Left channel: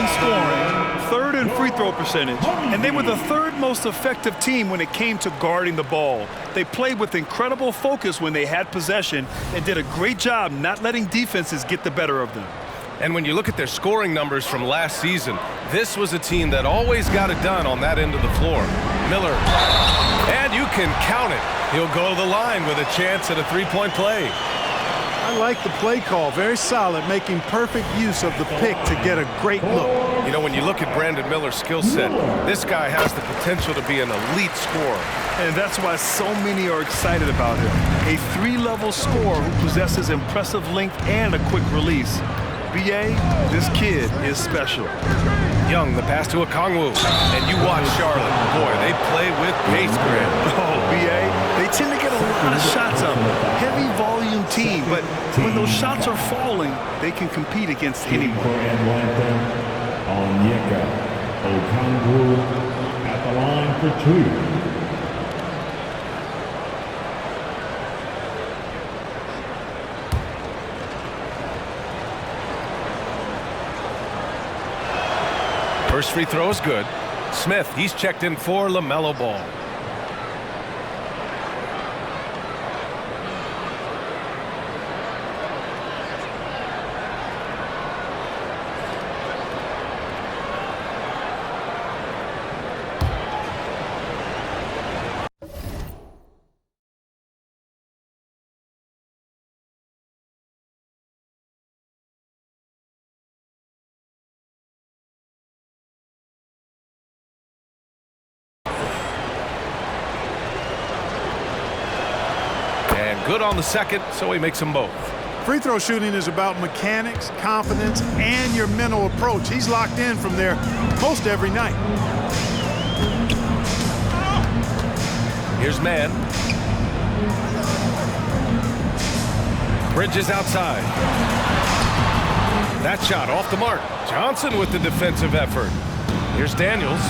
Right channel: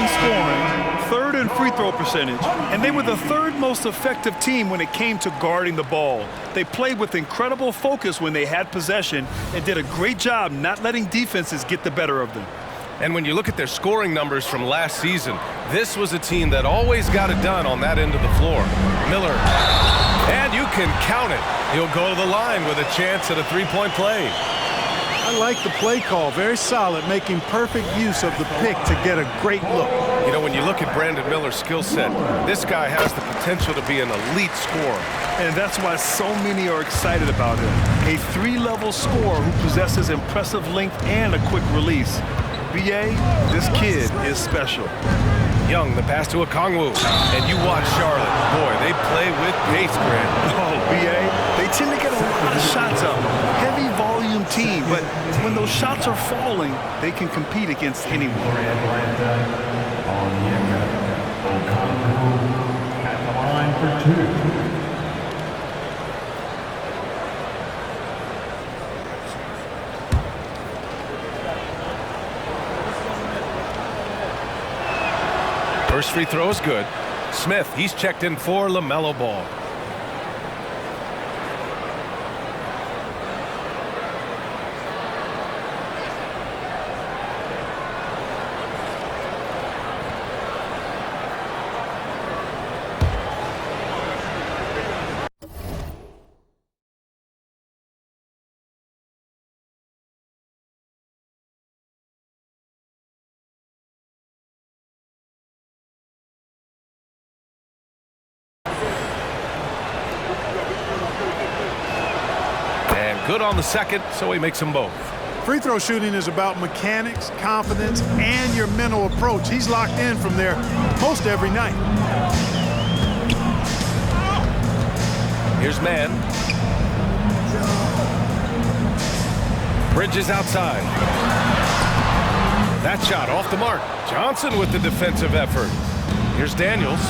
in scoring, third in free throw percentage, and they were the third most effective team when it came to guarding the ball. They played with incredible focus when they had possession and did a great job not letting defenses get the better of them. And when you look at their scoring numbers from last season, this was a team that always got it done on that end of the floor. Miller, and you can count it. He'll go to the line with a chance at a three-point play. I like the play call. Very solid, making perfect use of the pick to get a great look. You know, when you look at Brandon Miller's skill set, this guy has the potential to be an elite scorer. And that's why so many are excited about him. A three-level scorer who possesses impressive length and a quick release. B.A., this kid is special. Young, the pass to Okongwu. And you watch Charlotte. Boy, they play with pace, Grant. Oh, B.A., they tend to get a lot of shots up. Heavy volume team, but when those shots are falling, they can compete against anyone. Atlanta, Onyeka Okongwu at the line for two. First free throw is good. Smith, he's checked in for LaMelo Ball. And good on the second, so he makes them both. Free throw shooting is about mechanics, confidence, and your mental approach. He's locked in from there most every night. Here's man. Bridges outside. That shot off the mark. Johnson with the defensive effort. Here's Daniels.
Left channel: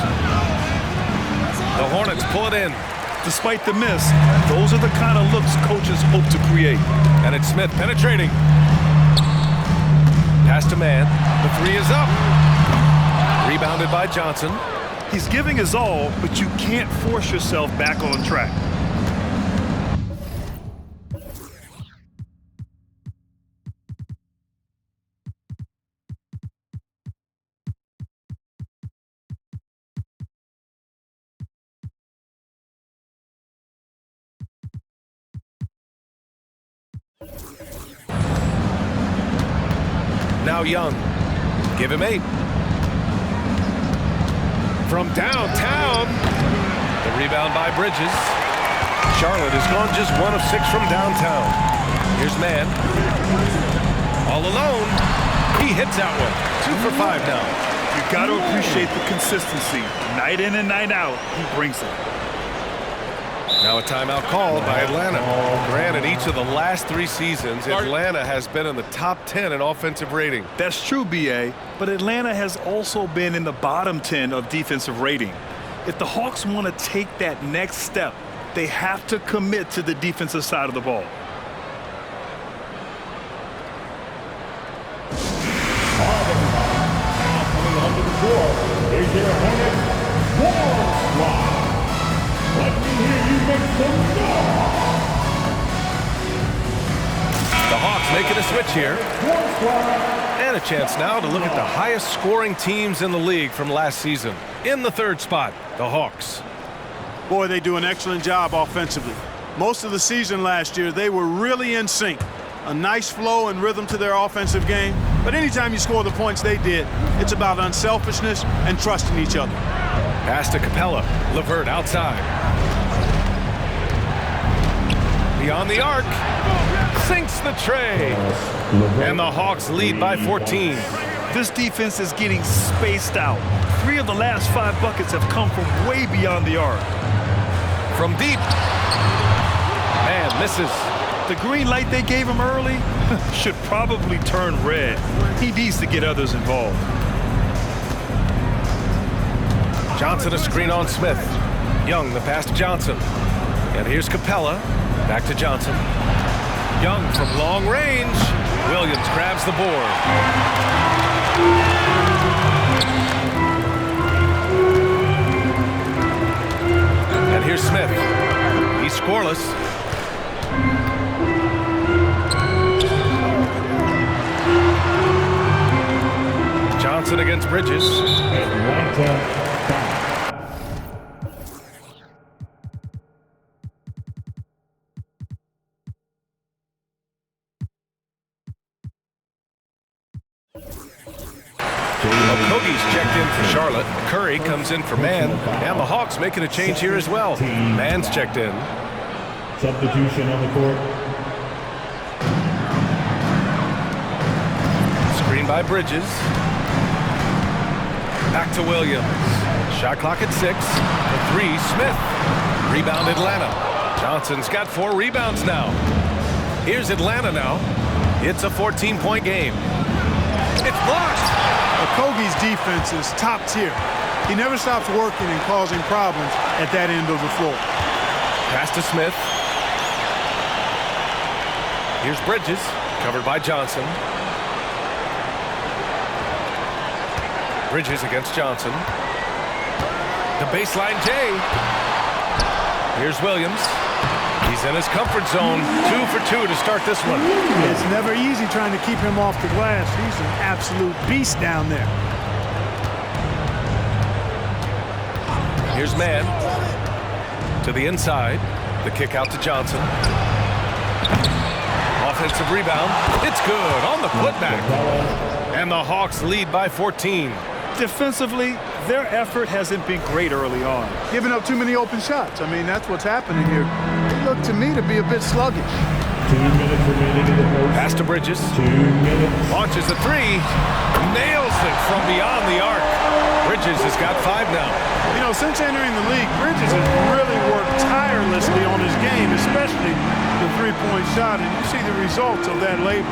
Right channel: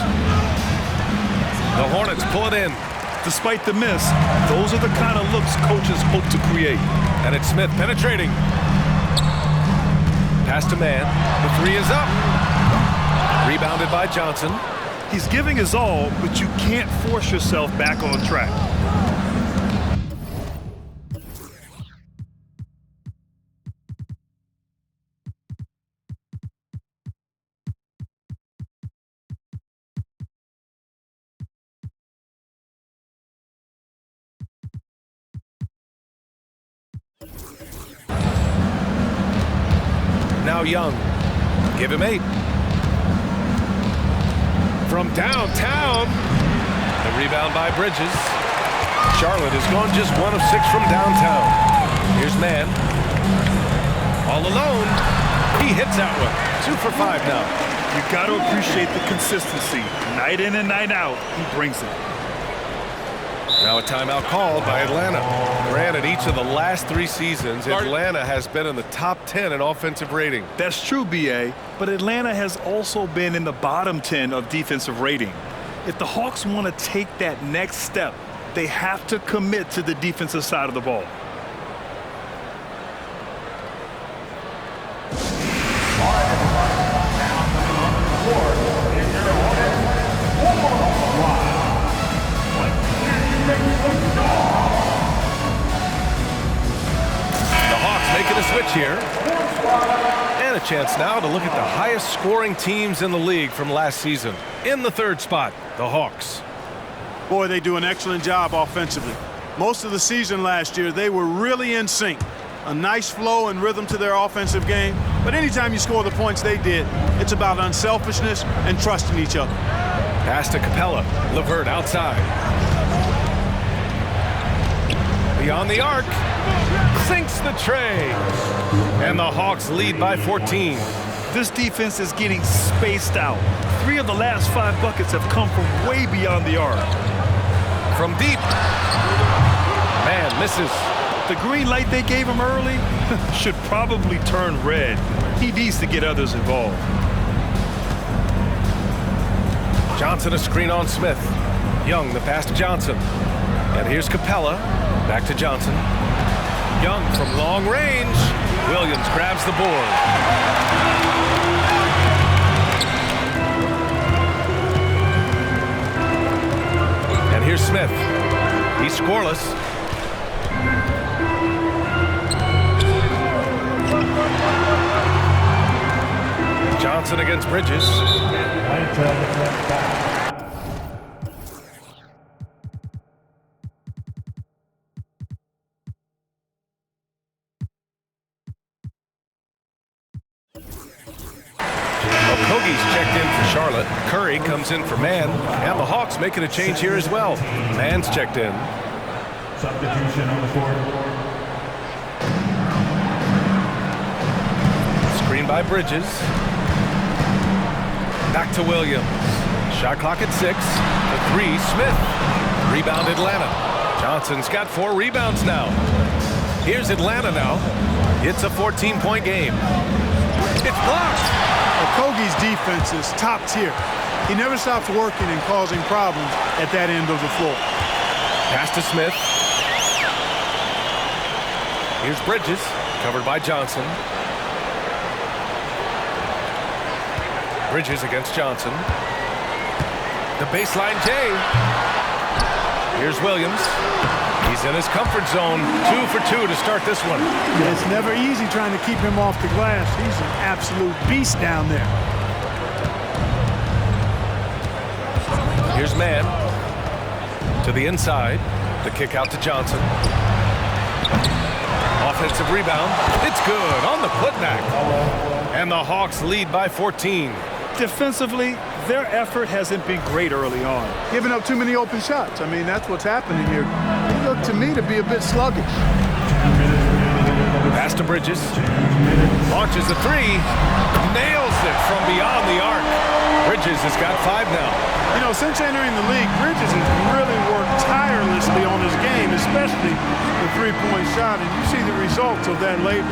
The Hornets pull it in. Despite the miss, those are the kind of looks coaches hope to create. And it's Smith penetrating. Pass to man. The three is up. Rebounded by Johnson. He's giving his all, but you can't force yourself back on track. Now Young. Give him 8. From downtown. The rebound by Bridges. Charlotte has gone just 1 of 6 from downtown. Here's man. All alone. He hits that one. 2 for 5 now. You got to appreciate the consistency. Night in and night out, he brings it. Now a timeout called by Atlanta. Granted, each of the last 3 seasons, Atlanta has been in the top 10 in offensive rating. That's true, B.A., but Atlanta has also been in the bottom 10 of defensive rating. If the Hawks want to take that next step, they have to commit to the defensive side of the ball. All right, everybody. Now coming onto the court is your Hornets warm squad. Let's hear you make some noise. The Hawks making a switch here. And a chance now to look at the highest scoring teams in the league from last season. In the 3rd spot, the Hawks. Boy, they do an excellent job offensively. Most of the season last year, they were really in sync. A nice flow and rhythm to their offensive game. But anytime you score the points they did, it's about unselfishness and trusting each other. Pass to Capella. LeVert outside. Beyond the arc. Sinks the tray. And the Hawks lead by 14. This defense is getting spaced out. 3 of the last 5 buckets have come from way beyond the arc. From deep. Man misses. The green light they gave him early should probably turn red. He needs to get others involved. Johnson a screen on Smith. Young the pass to Johnson. And here's Capella. Back to Johnson. Young from long range. Williams grabs the board. And here's Smith. He's scoreless. Johnson against Bridges. Okogie's checked in for Charlotte. Curry comes in for Mann. And the Hawks making a change here as well. Mann's checked in. Substitution on the court. Screen by Bridges. Back to Williams. Shot clock at 6. For 3, Smith. Rebound Atlanta. Johnson's got 4 rebounds now. Here's Atlanta now. It's a 14-point game. It's blocked. Okogie's defense is top tier. He never stops working and causing problems at that end of the floor. Pass to Smith. Here's Bridges, covered by Johnson. Bridges against Johnson. The baseline J. Here's Williams. He's in his comfort zone. 2 for 2 to start this one. It's never easy trying to keep him off the glass. He's an absolute beast down there. Here's Mann. To the inside. The kick out to Johnson. Offensive rebound. It's good on the putback. And the Hawks lead by 14. Defensively, their effort hasn't been great early on. Giving up too many open shots. I mean, that's what's happening here. They look to me to be a bit sluggish. 2 minutes remaining in the post. Pass to Bridges. 2 minutes. Launches a 3. Nails it from beyond the arc. Bridges has got 5 now. You know, since entering the league, Bridges has really worked tirelessly on his game, especially the three-point shot, and you see the results of that labor.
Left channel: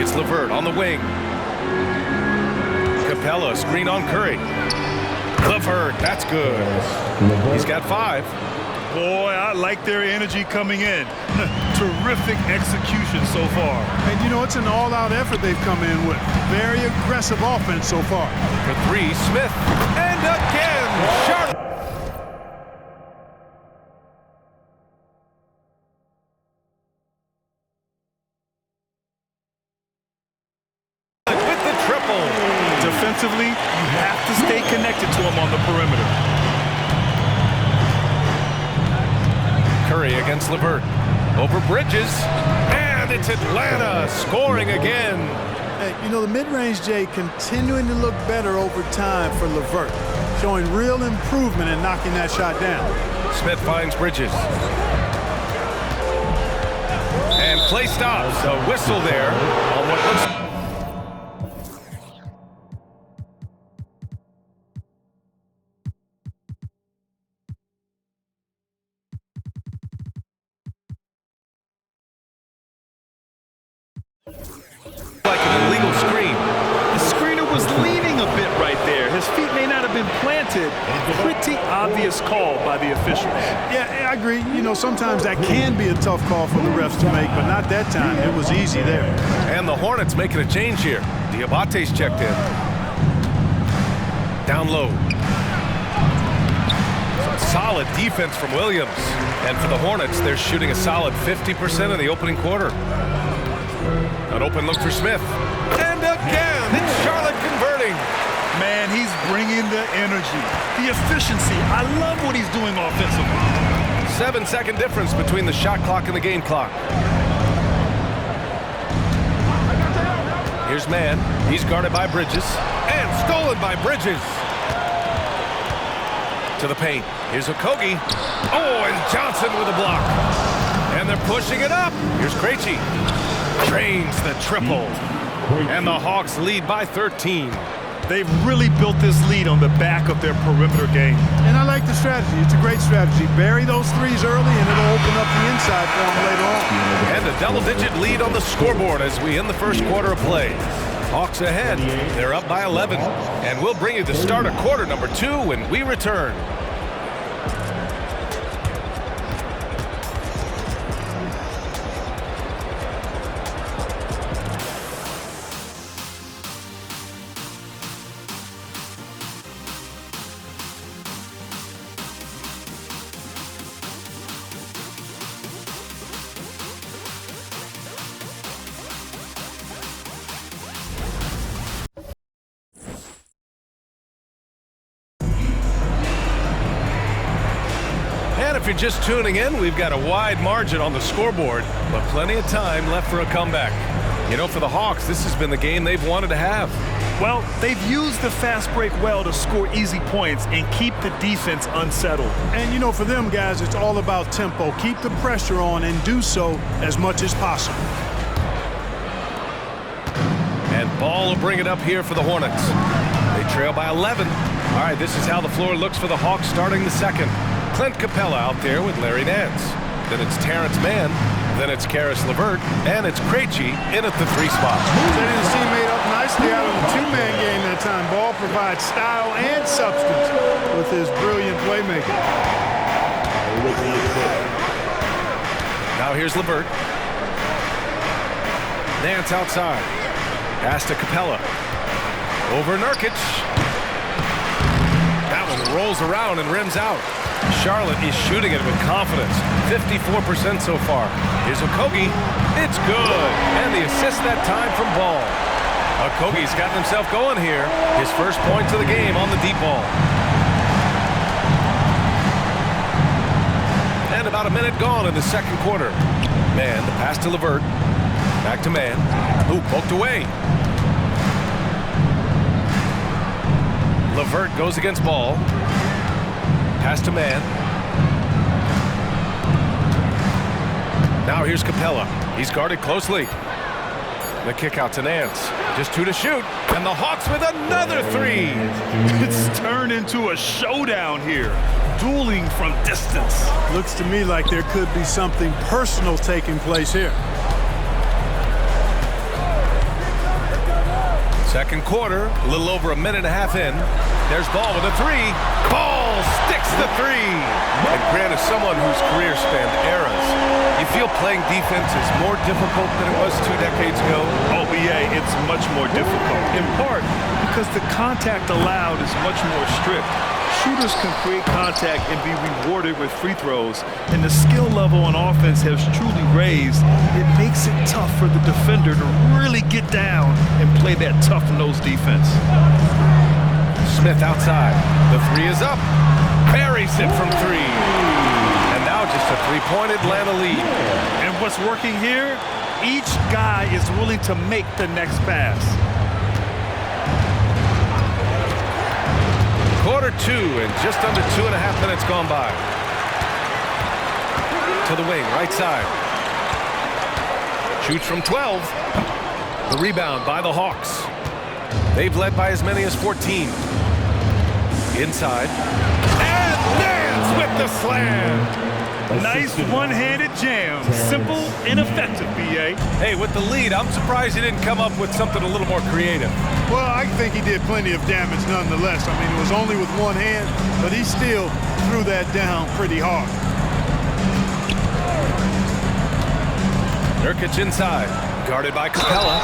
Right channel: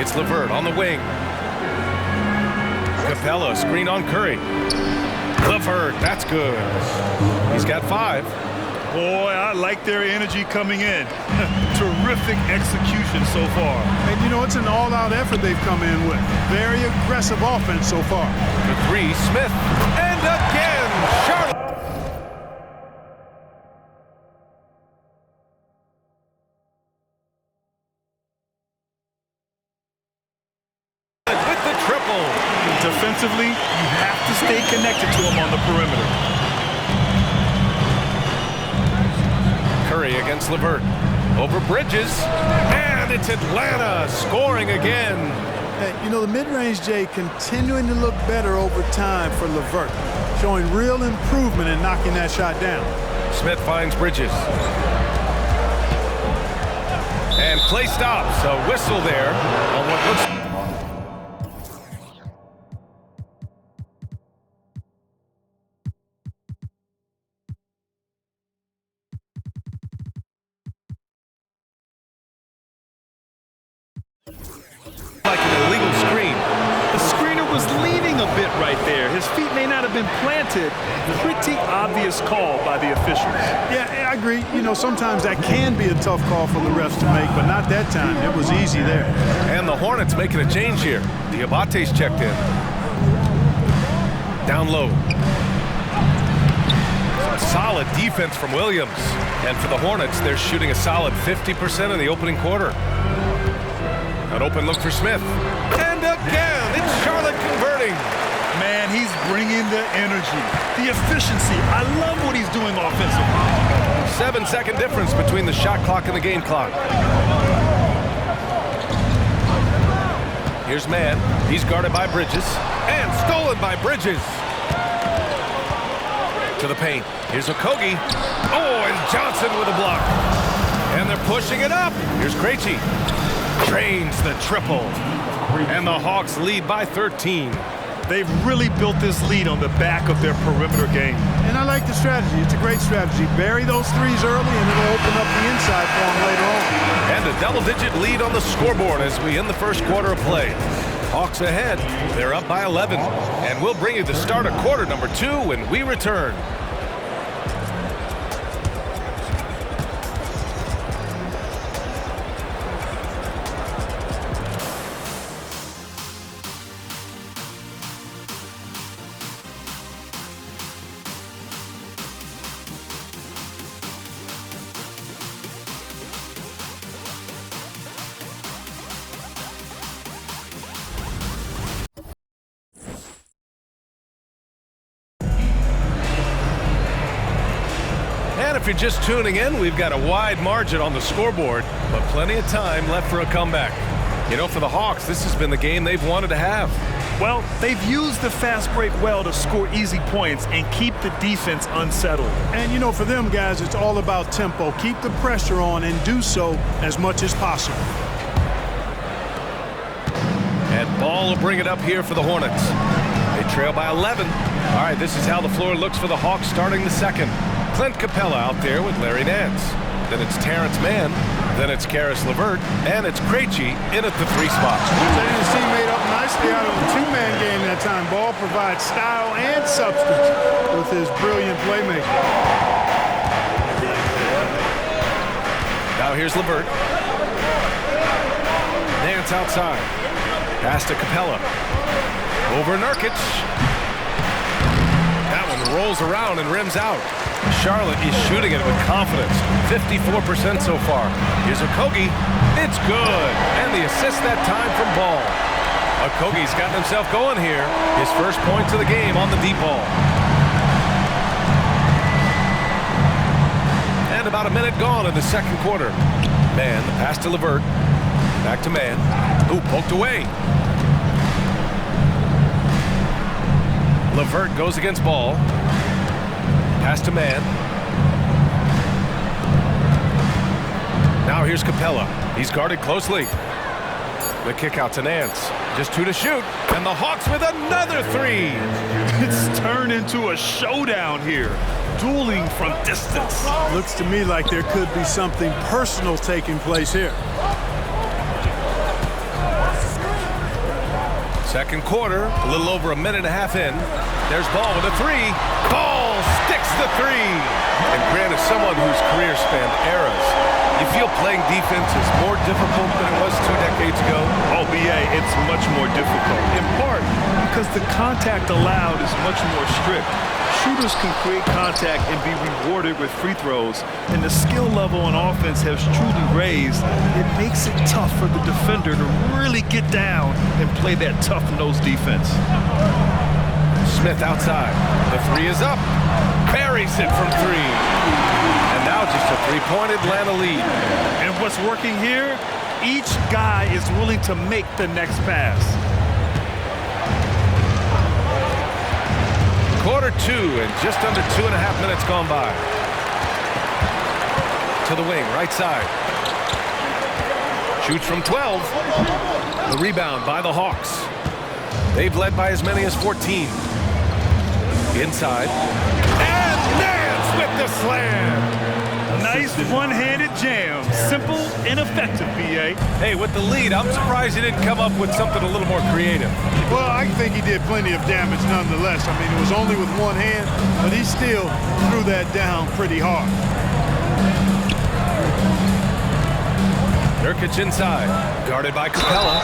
It's LeVert on the wing. Capella, screen on Curry. LeVert, that's good. He's got 5. Boy, I like their energy coming in. Terrific execution so far. And, you know, it's an all-out effort they've come in with. Very aggressive offense so far. For 3, Smith. And again, Charlotte. With the triple. Defensively, you have to stay connected to him on the perimeter. Curry against LeVert. Over Bridges. And it's Atlanta scoring again. Hey, you know, the mid-range J continuing to look better over time for LeVert, showing real improvement in knocking that shot down. Smith finds Bridges. And play stops. A whistle there on what looks... like an illegal screen. The screener was leaning a bit right there. His feet may not have been planted. Pretty obvious call by the officials. Yeah, I agree. You know, sometimes that can be a tough call for the refs to make, but not that time. It was easy there. And the Hornets making a change here. Diabate's checked in. Down low. Some solid defense from Williams. And for the Hornets, they're shooting a solid 50% in the opening quarter. An open look for Smith. And again, it's Charlotte converting. Man, he's bringing the energy, the efficiency. I love what he's doing offensively. 7-second difference between the shot clock and the game clock. Here's Mann. He's guarded by Bridges. And stolen by Bridges. To the paint. Here's Okogie. Oh, and Johnson with a block. And they're pushing it up. Here's Krejci. Drains the triple. And the Hawks lead by 13. They've really built this lead on the back of their perimeter game. And I like the strategy. It's a great strategy. Bury those threes early, and it'll open up the inside for them later on. And a double-digit lead on the scoreboard as we end the first quarter of play. Hawks ahead. They're up by 11. And we'll bring you the start of quarter number 2 when we return. if you're just tuning in, we've got a wide margin on the scoreboard, but plenty of time left for a comeback. You know, for the Hawks, this has been the game they've wanted to have. Well, they've used the fast break well to score easy points and keep the defense unsettled. And, you know, for them guys, it's all about tempo. Keep the pressure on and do so as much as possible. And Ball will bring it up here for the Hornets. They trail by 11. All right, this is how the floor looks for the Hawks starting the second. Clint Capella out there with Larry Nance. Then it's Terrence Mann. Then it's Karis LeVert. And it's Krejci in at the 3 spot. Setting his teammate up nicely out of the 2-man game that time. Ball provides style and substance with his brilliant playmaking. Now here's LeVert. Nance outside. Pass to Capella. Over Nurkic. That one rolls around and rims out. Charlotte is shooting it with confidence. 54% so far. Here's Okogie. It's good. And the assist that time from Ball. Okogie's gotten himself going here. His first points of the game on the deep ball. And about a minute gone in the second quarter. Mann, the pass to LeVert. Back to Mann. Ooh, poked away. LeVert goes against Ball. Pass to Mann. Now here's Capella. He's guarded closely. The kick out to Nance. Just 2 to shoot. And the Hawks with another 3. It's turned into a showdown here. Dueling from distance. Looks to me like there could be something personal taking place here. Second quarter, a little over a minute and a half in. There's Ball with a 3. Ball sticks the 3. And Grant is someone whose career spanned eras. You feel playing defense is more difficult than it was 2 decades ago? Oh, BA, it's much more difficult. In part because the contact allowed is much more strict. Shooters can create contact and be rewarded with free throws, and the skill level on offense has truly raised. It makes it tough for the defender to really get down and play that tough-nosed defense. Smith outside. The 3 is up. Buries it from 3. And now just a 3-point Atlanta lead. And what's working here? Each guy is willing to make the next pass. Quarter 2 and just under 2.5 minutes gone by. To the wing, right side. Shoots from 12. The rebound by the Hawks. They've led by as many as 14. Inside. And Nance with the slam. Nice one-handed jam. Simple and effective, BA. Hey, with the lead, I'm surprised he didn't come up with something a little more creative. Well, I think he did plenty of damage nonetheless. I mean, it was only with one hand, but he still threw that down pretty hard. Nurkic inside, guarded by Capella.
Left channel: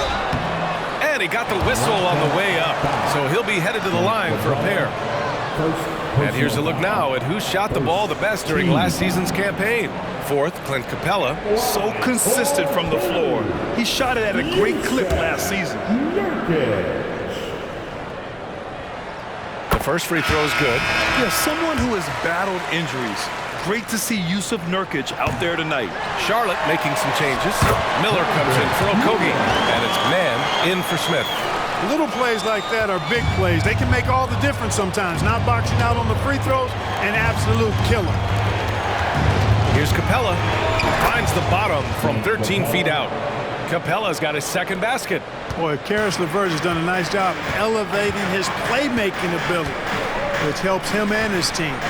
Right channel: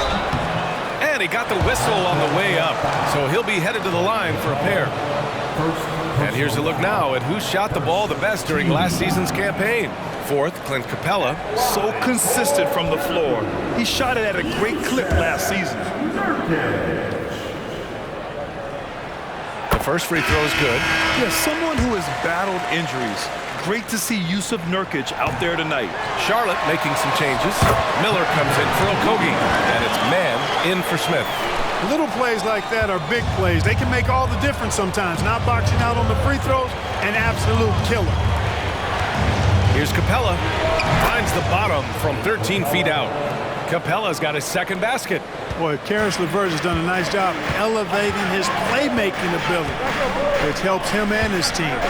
And he got the whistle on the way up, so he'll be headed to the line for a pair. And here's a look now at who shot the ball the best during last season's campaign. Fourth, Clint Capella. So consistent from the floor. He shot it at a great clip last season. The first free throw is good. Yeah, someone who has battled injuries. Great to see Yusuf Nurkic out there tonight. Charlotte making some changes. Miller comes in for Okogie, and it's Mann in for Smith. Little plays like that are big plays. They can make all the difference sometimes. Not boxing out on the free throws, an absolute killer. Here's Capella. Finds the bottom from 13 feet out. Capella's got his second basket. Boy, Karis LeVert has done a nice job elevating his playmaking ability, which helps him and his team.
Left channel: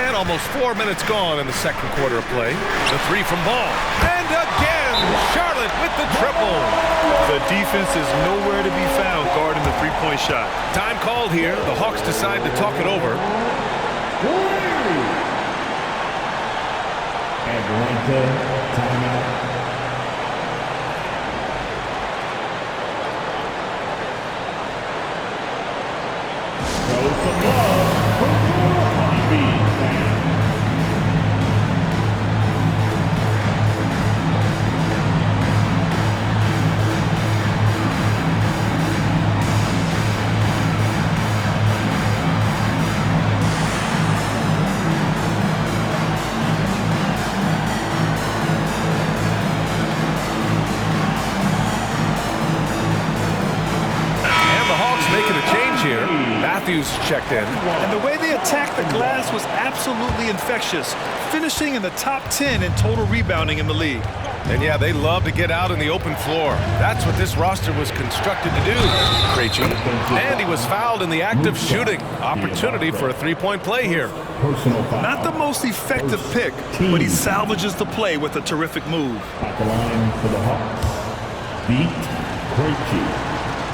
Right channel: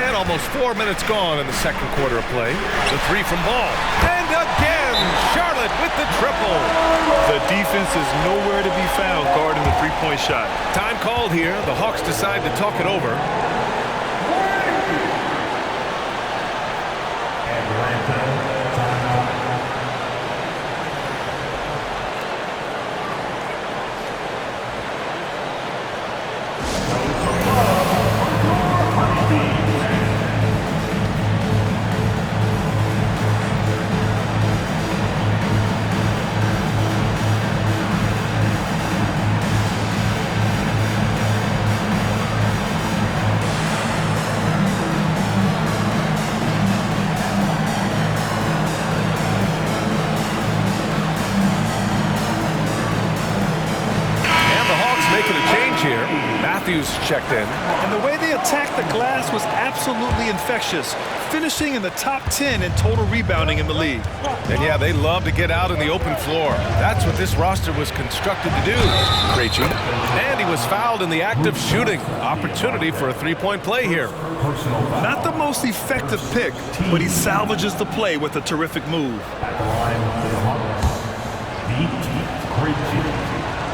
And almost 4 minutes gone in the second quarter of play. The 3 from Ball. And again, Charlotte with the triple. The defense is nowhere to be found guarding the three-point shot. Time called here. The Hawks decide to talk it over. Atlanta, timeout. Show some love for your honeybees. here. Matthews checked in. And the way they attacked the glass was absolutely infectious, finishing in the top 10 in total rebounding in the league. And yeah, they love to get out in the open floor. That's what this roster was constructed to do. Krejci. And he was fouled in the act of shooting. Opportunity for a three-point play here. Not the most effective pick, but he salvages the play with a terrific move. At the line for the Hawks, beat Krejci.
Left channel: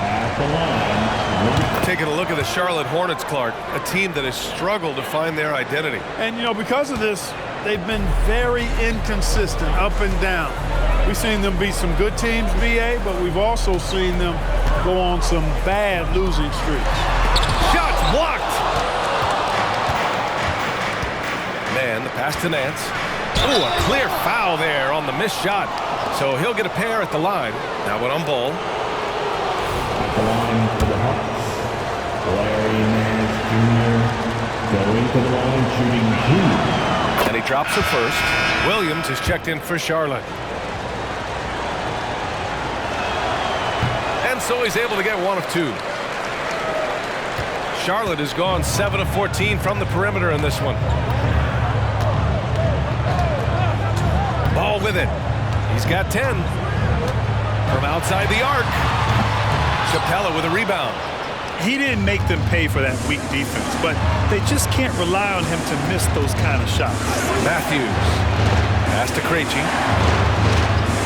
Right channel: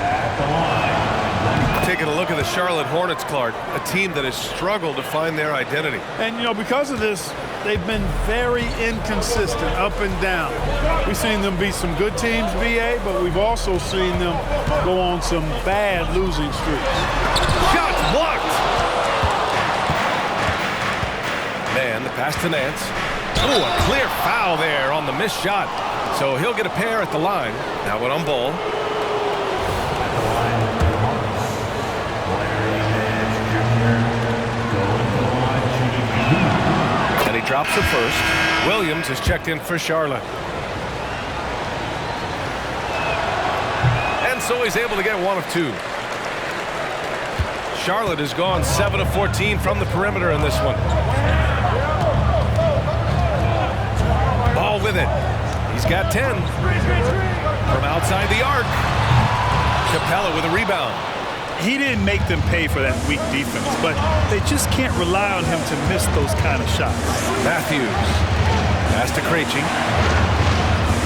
At the line. Taking a look at the Charlotte Hornets, Clark, a team that has struggled to find their identity. And, you know, because of this, they've been very inconsistent, up and down. We've seen them beat some good teams, BA, but we've also seen them go on some bad losing streaks. Shots blocked. Man, the pass to Nance. Ooh, a clear foul there on the missed shot. So he'll get a pair at the line. Now one on ball. At the line for the Hawks, Larry Nance Jr. going to the line, shooting 2. And he drops it first. Williams is checked in for Charlotte. And so he's able to get 1 of 2. Charlotte has gone 7 of 14 from the perimeter in this one. Ball with it. He's got 10. From outside the arc. Capella with a rebound. He didn't make them pay for that weak defense, but they just can't rely on him to miss those kind of shots. Matthews. Pass to Krejci.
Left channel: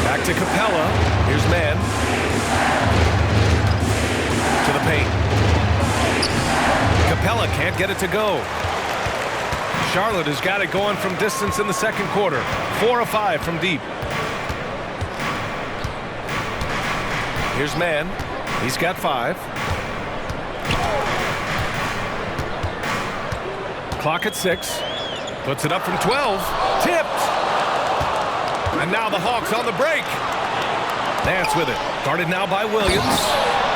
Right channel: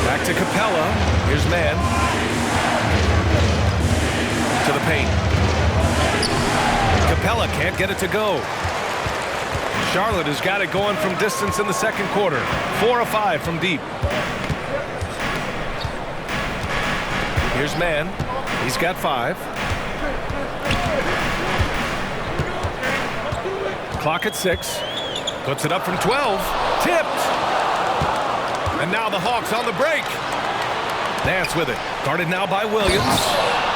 Back to Capella. Here's Mann. To the paint. Capella can't get it to go. Charlotte has got it going from distance in the second quarter. 4 of 5 from deep. Here's Mann. He's got 5. Clock at 6. Puts it up from 12. Tipped. And now the Hawks on the break. Nance with it. Guarded now by Williams.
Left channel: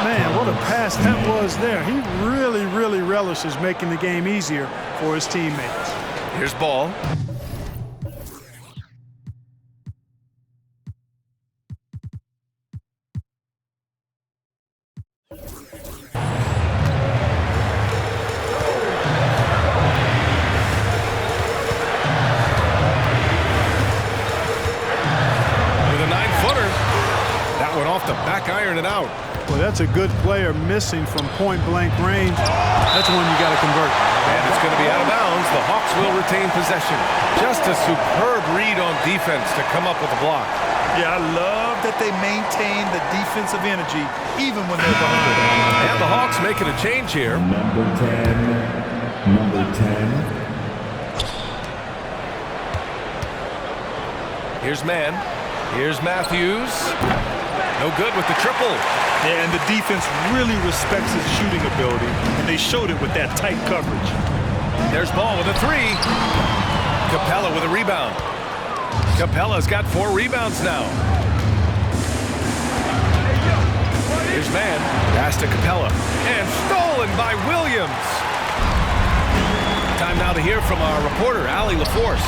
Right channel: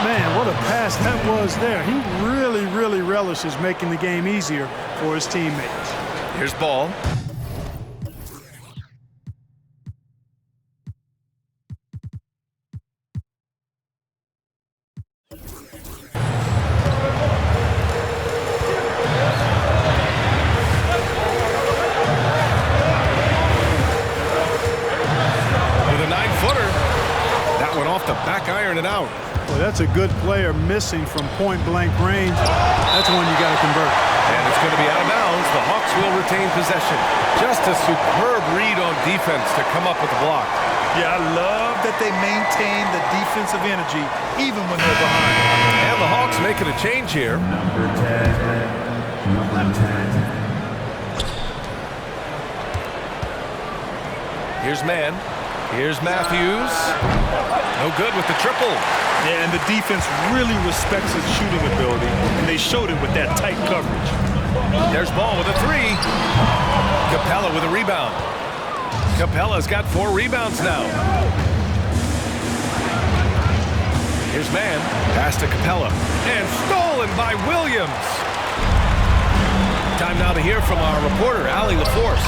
Man, what a pass that was there. He really relishes making the game easier for his teammates. Here's Ball. With a 9-footer. That one off the back iron and out. Well, that's a good player missing from point-blank range. That's one you got to convert. And it's going to be out of bounds. The Hawks will retain possession. Just a superb read on defense to come up with the block. Yeah, I love that they maintain the defensive energy even when they're behind. And the Hawks making a change here. Number 10. Number 10. Here's Mann. Here's Matthews. No good with the triple. Yeah, and the defense really respects his shooting ability, and they showed it with that tight coverage. There's Ball with a 3. Capella with a rebound. Capella's got 4 rebounds now. Here's Mann. Pass to Capella. And stolen by Williams. Time now to hear from our reporter, Allie LaForce.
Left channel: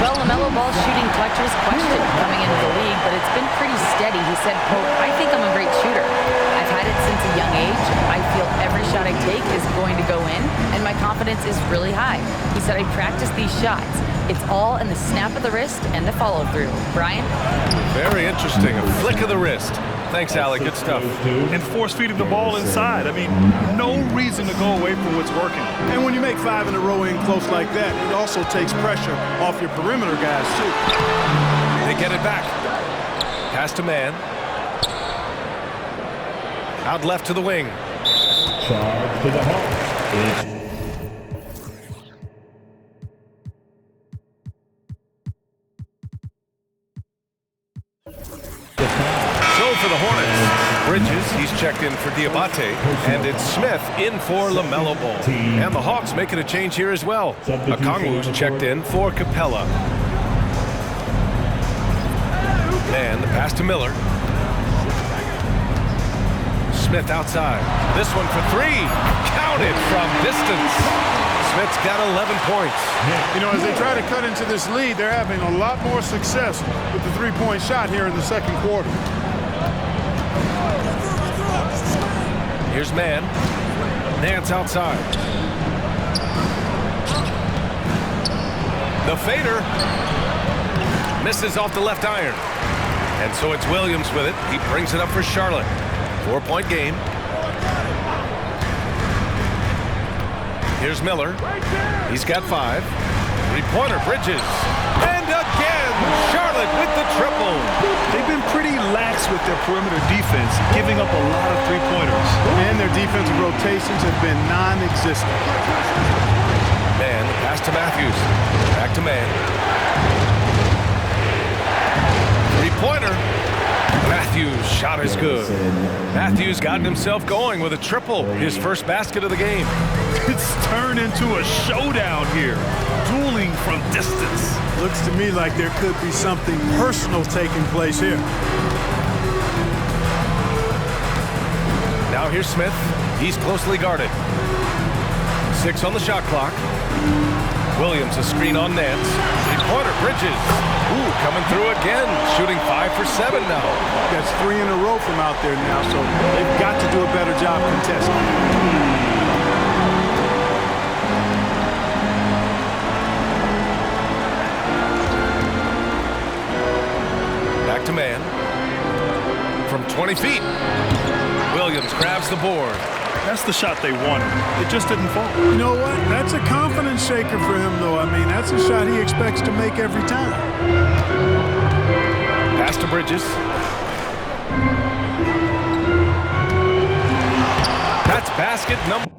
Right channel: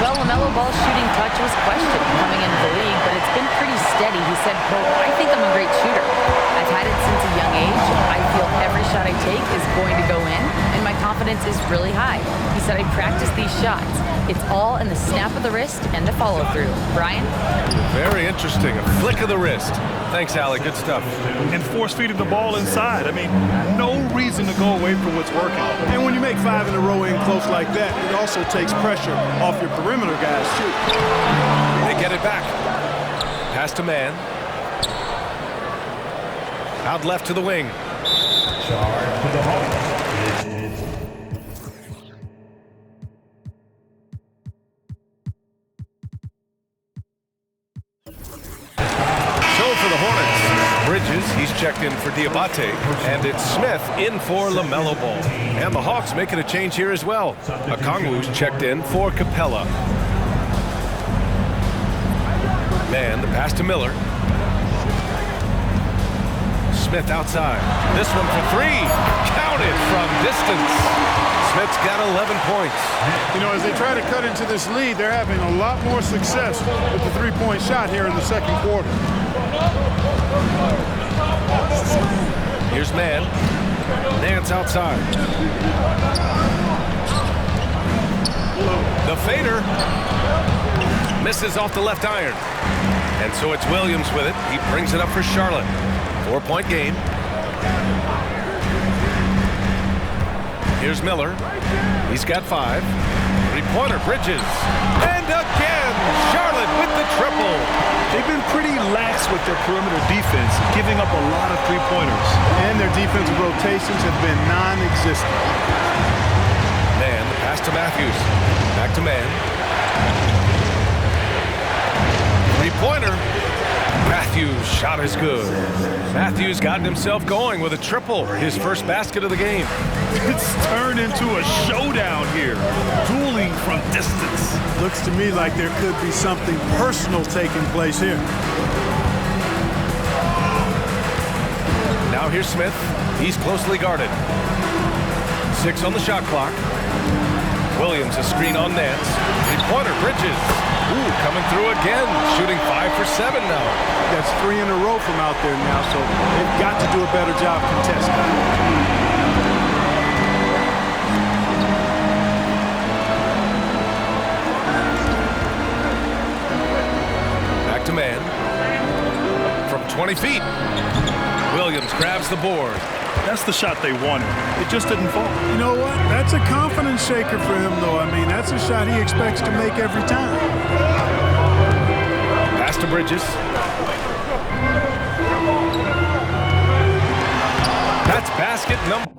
Well, LaMelo Ball's shooting touch was questioned coming into the league, but it's been pretty steady. He said, quote, "I think I'm a great shooter. I've had it since a young age. I feel every shot I take is going to go in, and my confidence is really high." He said, "I practice these shots. It's all in the snap of the wrist and the follow-through." Brian? Very interesting. A flick of the wrist. Thanks, Allie. Good stuff. And force-feeding the ball inside. I mean, no reason to go away from what's working. And when you make 5 in a row in close like that, it also takes pressure off your perimeter guys, too. They get it back. Pass to Mann. Out left to the wing. Charge to the Hawks. So for the Hornets, Bridges, he's checked in for Diabate, and it's Smith in for LaMelo Ball. And the Hawks making a change here as well. Okongwu's checked in for Capella. Man, the pass to Miller. Smith outside. This one for 3. Counted from distance. Smith's got 11 points. You know, as they try to cut into this lead, they're having a lot more success with the three-point shot here in the second quarter. Here's Mann. Nance outside. The fader misses off the left iron. And so it's Williams with it. He brings it up for Charlotte. 4-point game. Here's Miller. He's got 5. Three-pointer, Bridges. And again, Charlotte with the triple. They've been pretty lax with their perimeter defense, giving up a lot of three-pointers. And their defensive rotations have been non-existent. Man, the pass to Matthews. Back to man. Three-pointer. Matthews' shot is good. Matthews gotten himself going with a triple, his first basket of the game. It's turned into a showdown here, dueling from distance. Looks to me like there could be something personal taking place here. Now here's Smith. He's closely guarded. 6 on the shot clock. Williams a screen on Nance. Three-pointer, Bridges. Ooh, coming through again, shooting 5 for 7 now. That's 3 in a row from out there now, so they've got to do a better job contesting. Back to man. From 20 feet. Williams grabs the board. That's the shot they wanted. It just didn't fall. You know what? That's a confidence shaker for him, though. I mean, that's a shot he expects to make every time. Pass to Bridges. That's basket number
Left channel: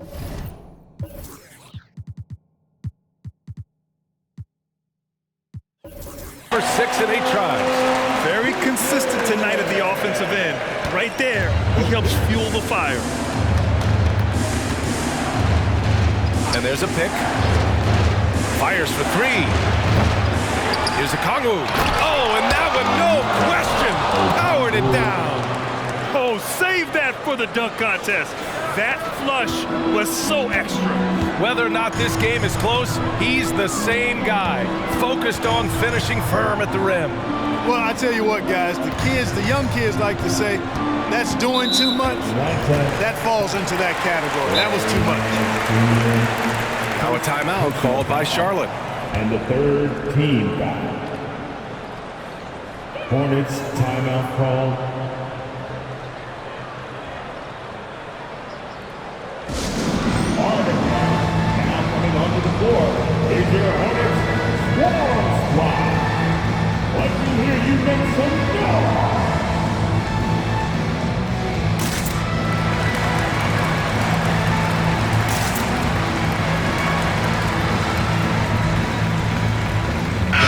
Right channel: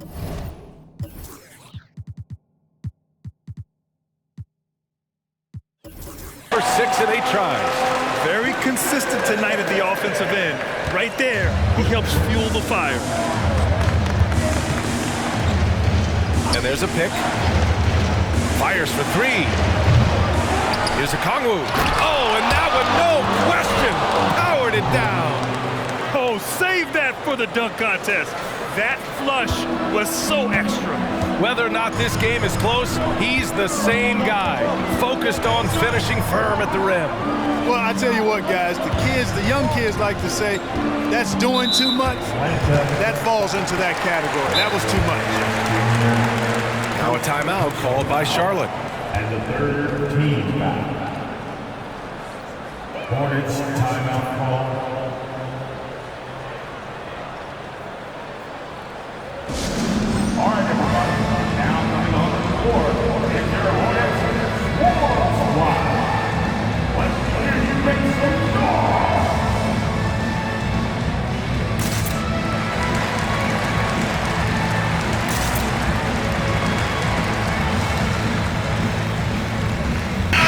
6 in 8 tries. Very consistent tonight at the offensive end. Right there, he helps fuel the fire. And there's a pick. Fires for 3. Here's a Kongwu. Oh, and that one, no question, powered it down. Oh, save that for the dunk contest. That flush was so extra. Whether or not this game is close, he's the same guy, focused on finishing firm at the rim. Well, I tell you what, guys, the young kids like to say, that's doing too much. That falls into that category. That was too much. Now a timeout called by Charlotte. And the third team foul. Hornets timeout call. All right, everybody. Now coming onto the floor is your Hornets War Squad. Let's hear you make some noise.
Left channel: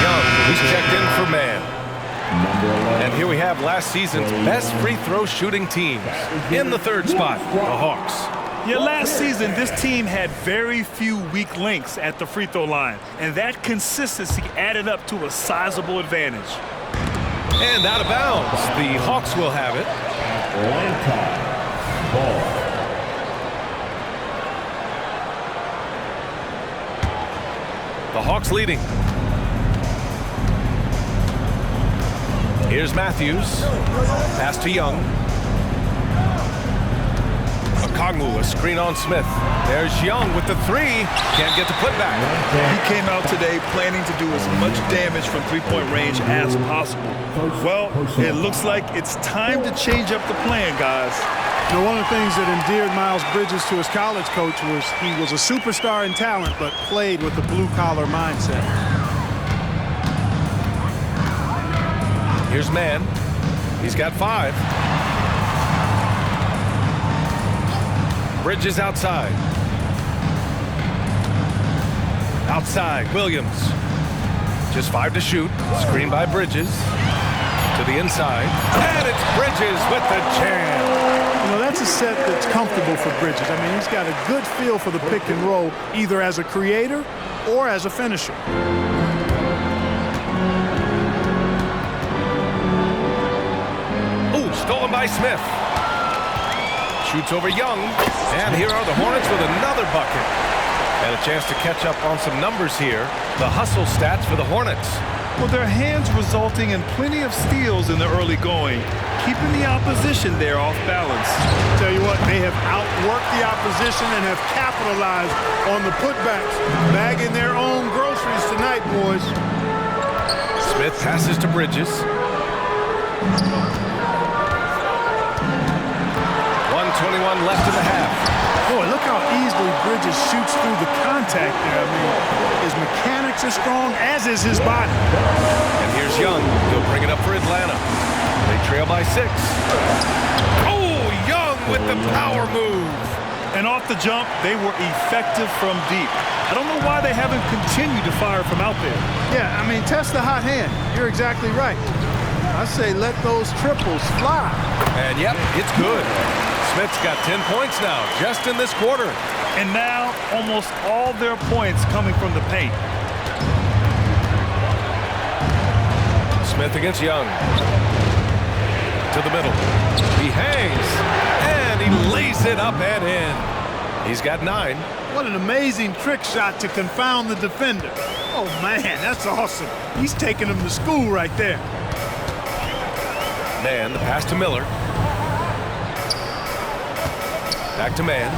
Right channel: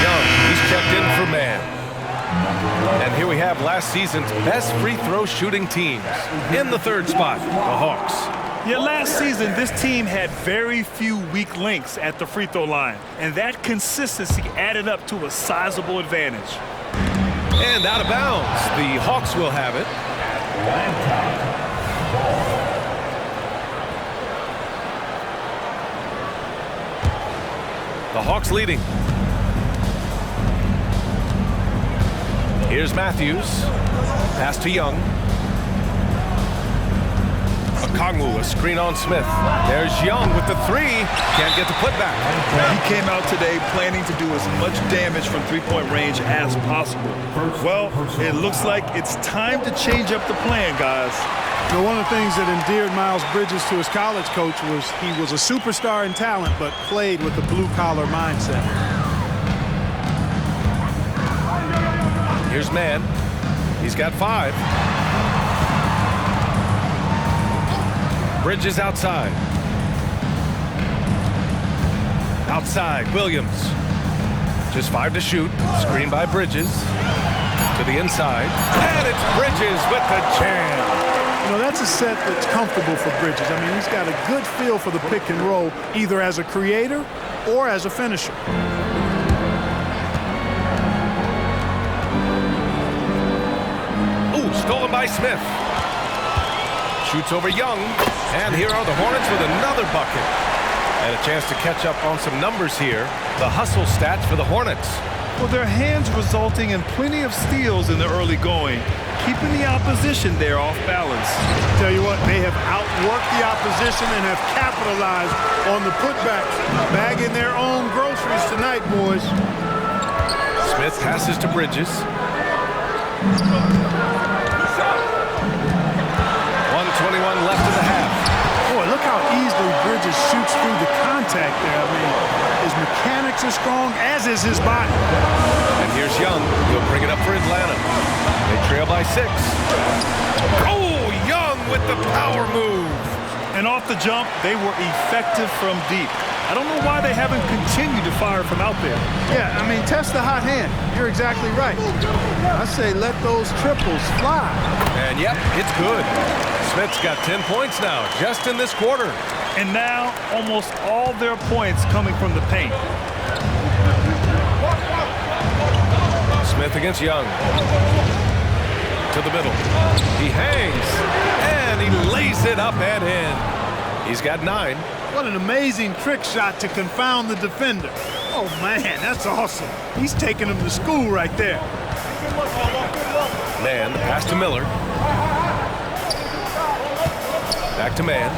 Young, he's checked in for man. And here we have last season's best free throw shooting teams. In the third spot, the Hawks. Yeah, last season, this team had very few weak links at the free throw line, and that consistency added up to a sizable advantage. And out of bounds, the Hawks will have it. The Hawks leading. Here's Matthews. Pass to Young. Kongwu, a screen on Smith. There's Young with the 3. Can't get the putback. He came out today planning to do as much damage from three-point range as possible. Well, it looks like it's time to change up the plan, guys. You know, one of the things that endeared Miles Bridges to his college coach was he was a superstar in talent, but played with a blue-collar mindset. Here's man. He's got 5. Bridges outside. Outside, Williams. Just 5 to shoot. Screen by Bridges. To the inside. And it's Bridges with the jam. You know, that's a set that's comfortable for Bridges. I mean, he's got a good feel for the pick and roll, either as a creator or as a finisher. Ooh, stolen by Smith. Shoots over Young. And here are the Hornets with another bucket. And a chance to catch up on some numbers here. The hustle stats for the Hornets. Well, their hands resulting in plenty of steals in the early going, keeping the opposition there off balance. Tell you what, they have outworked the opposition and have capitalized on the putbacks, bagging their own groceries tonight, boys. Smith passes to Bridges. 1:21 left in the half. Boy, look how easily Bridges shoots through the contact there. I mean, his mechanics are strong, as is his body. And here's Young. He'll bring it up for Atlanta. They trail by 6. Oh, Young with the power move. And off the jump, they were effective from deep. I don't know why they haven't continued to fire from out there. Yeah, I mean, test the hot hand. You're exactly right. I say let those triples fly. And yep, it's good. Smith's got 10 points now, just in this quarter. And now, almost all their points coming from the paint. Smith against Young. To the middle. He hangs, and he lays it up and in. He's got 9. What an amazing trick shot to confound the defender. Oh, man, that's awesome. He's taking him to school right there. Man, the pass to Miller. Back to Man.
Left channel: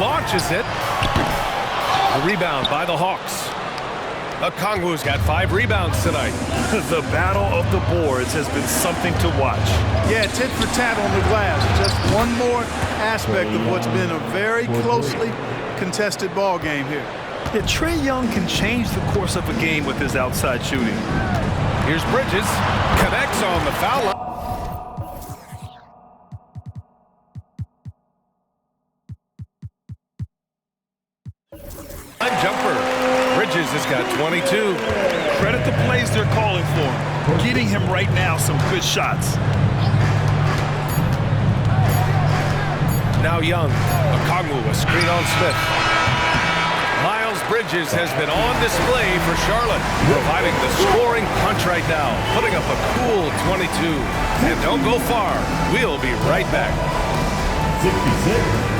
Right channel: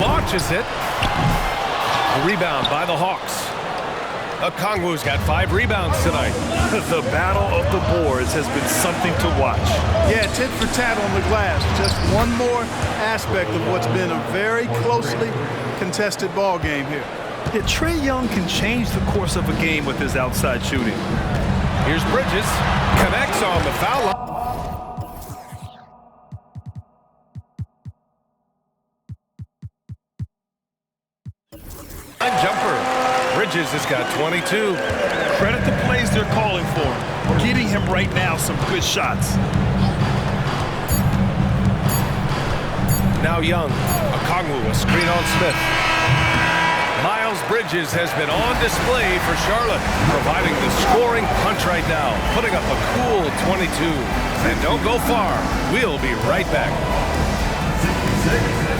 Launches it. A rebound by the Hawks. Okongwu's got 5 rebounds tonight. The battle of the boards has been something to watch. Yeah, tit for tat on the glass. Just one more aspect of what's been a very closely contested ball game here. Yeah, Trae Young can change the course of a game with his outside shooting. Here's Bridges. Connects on the foul line. Jumper. Bridges has got 22. Credit the plays they're calling for him. Getting him right now some good shots. Now Young. Okongwu, a screen on Smith. Miles Bridges has been on display for Charlotte, providing the scoring punch right now, putting up a cool 22. And don't go far. We'll be right back. 66.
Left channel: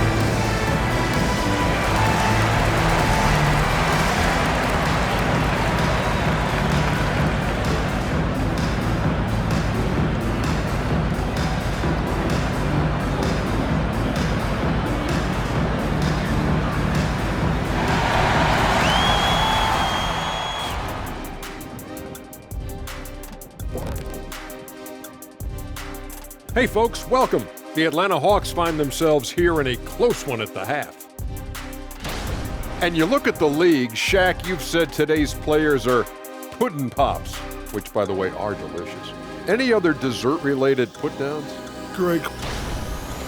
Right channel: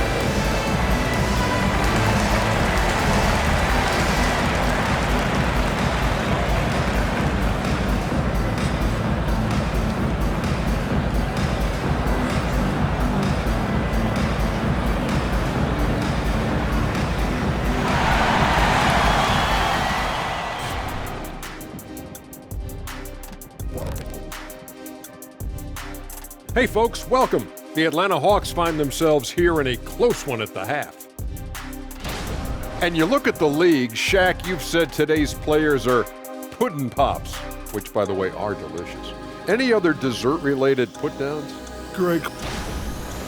Hey folks, welcome. The Atlanta Hawks find themselves here in a close one at the half. And you look at the league, Shaq, you've said today's players are puddin' pops, which by the way are delicious. Any other dessert-related put-downs? Great.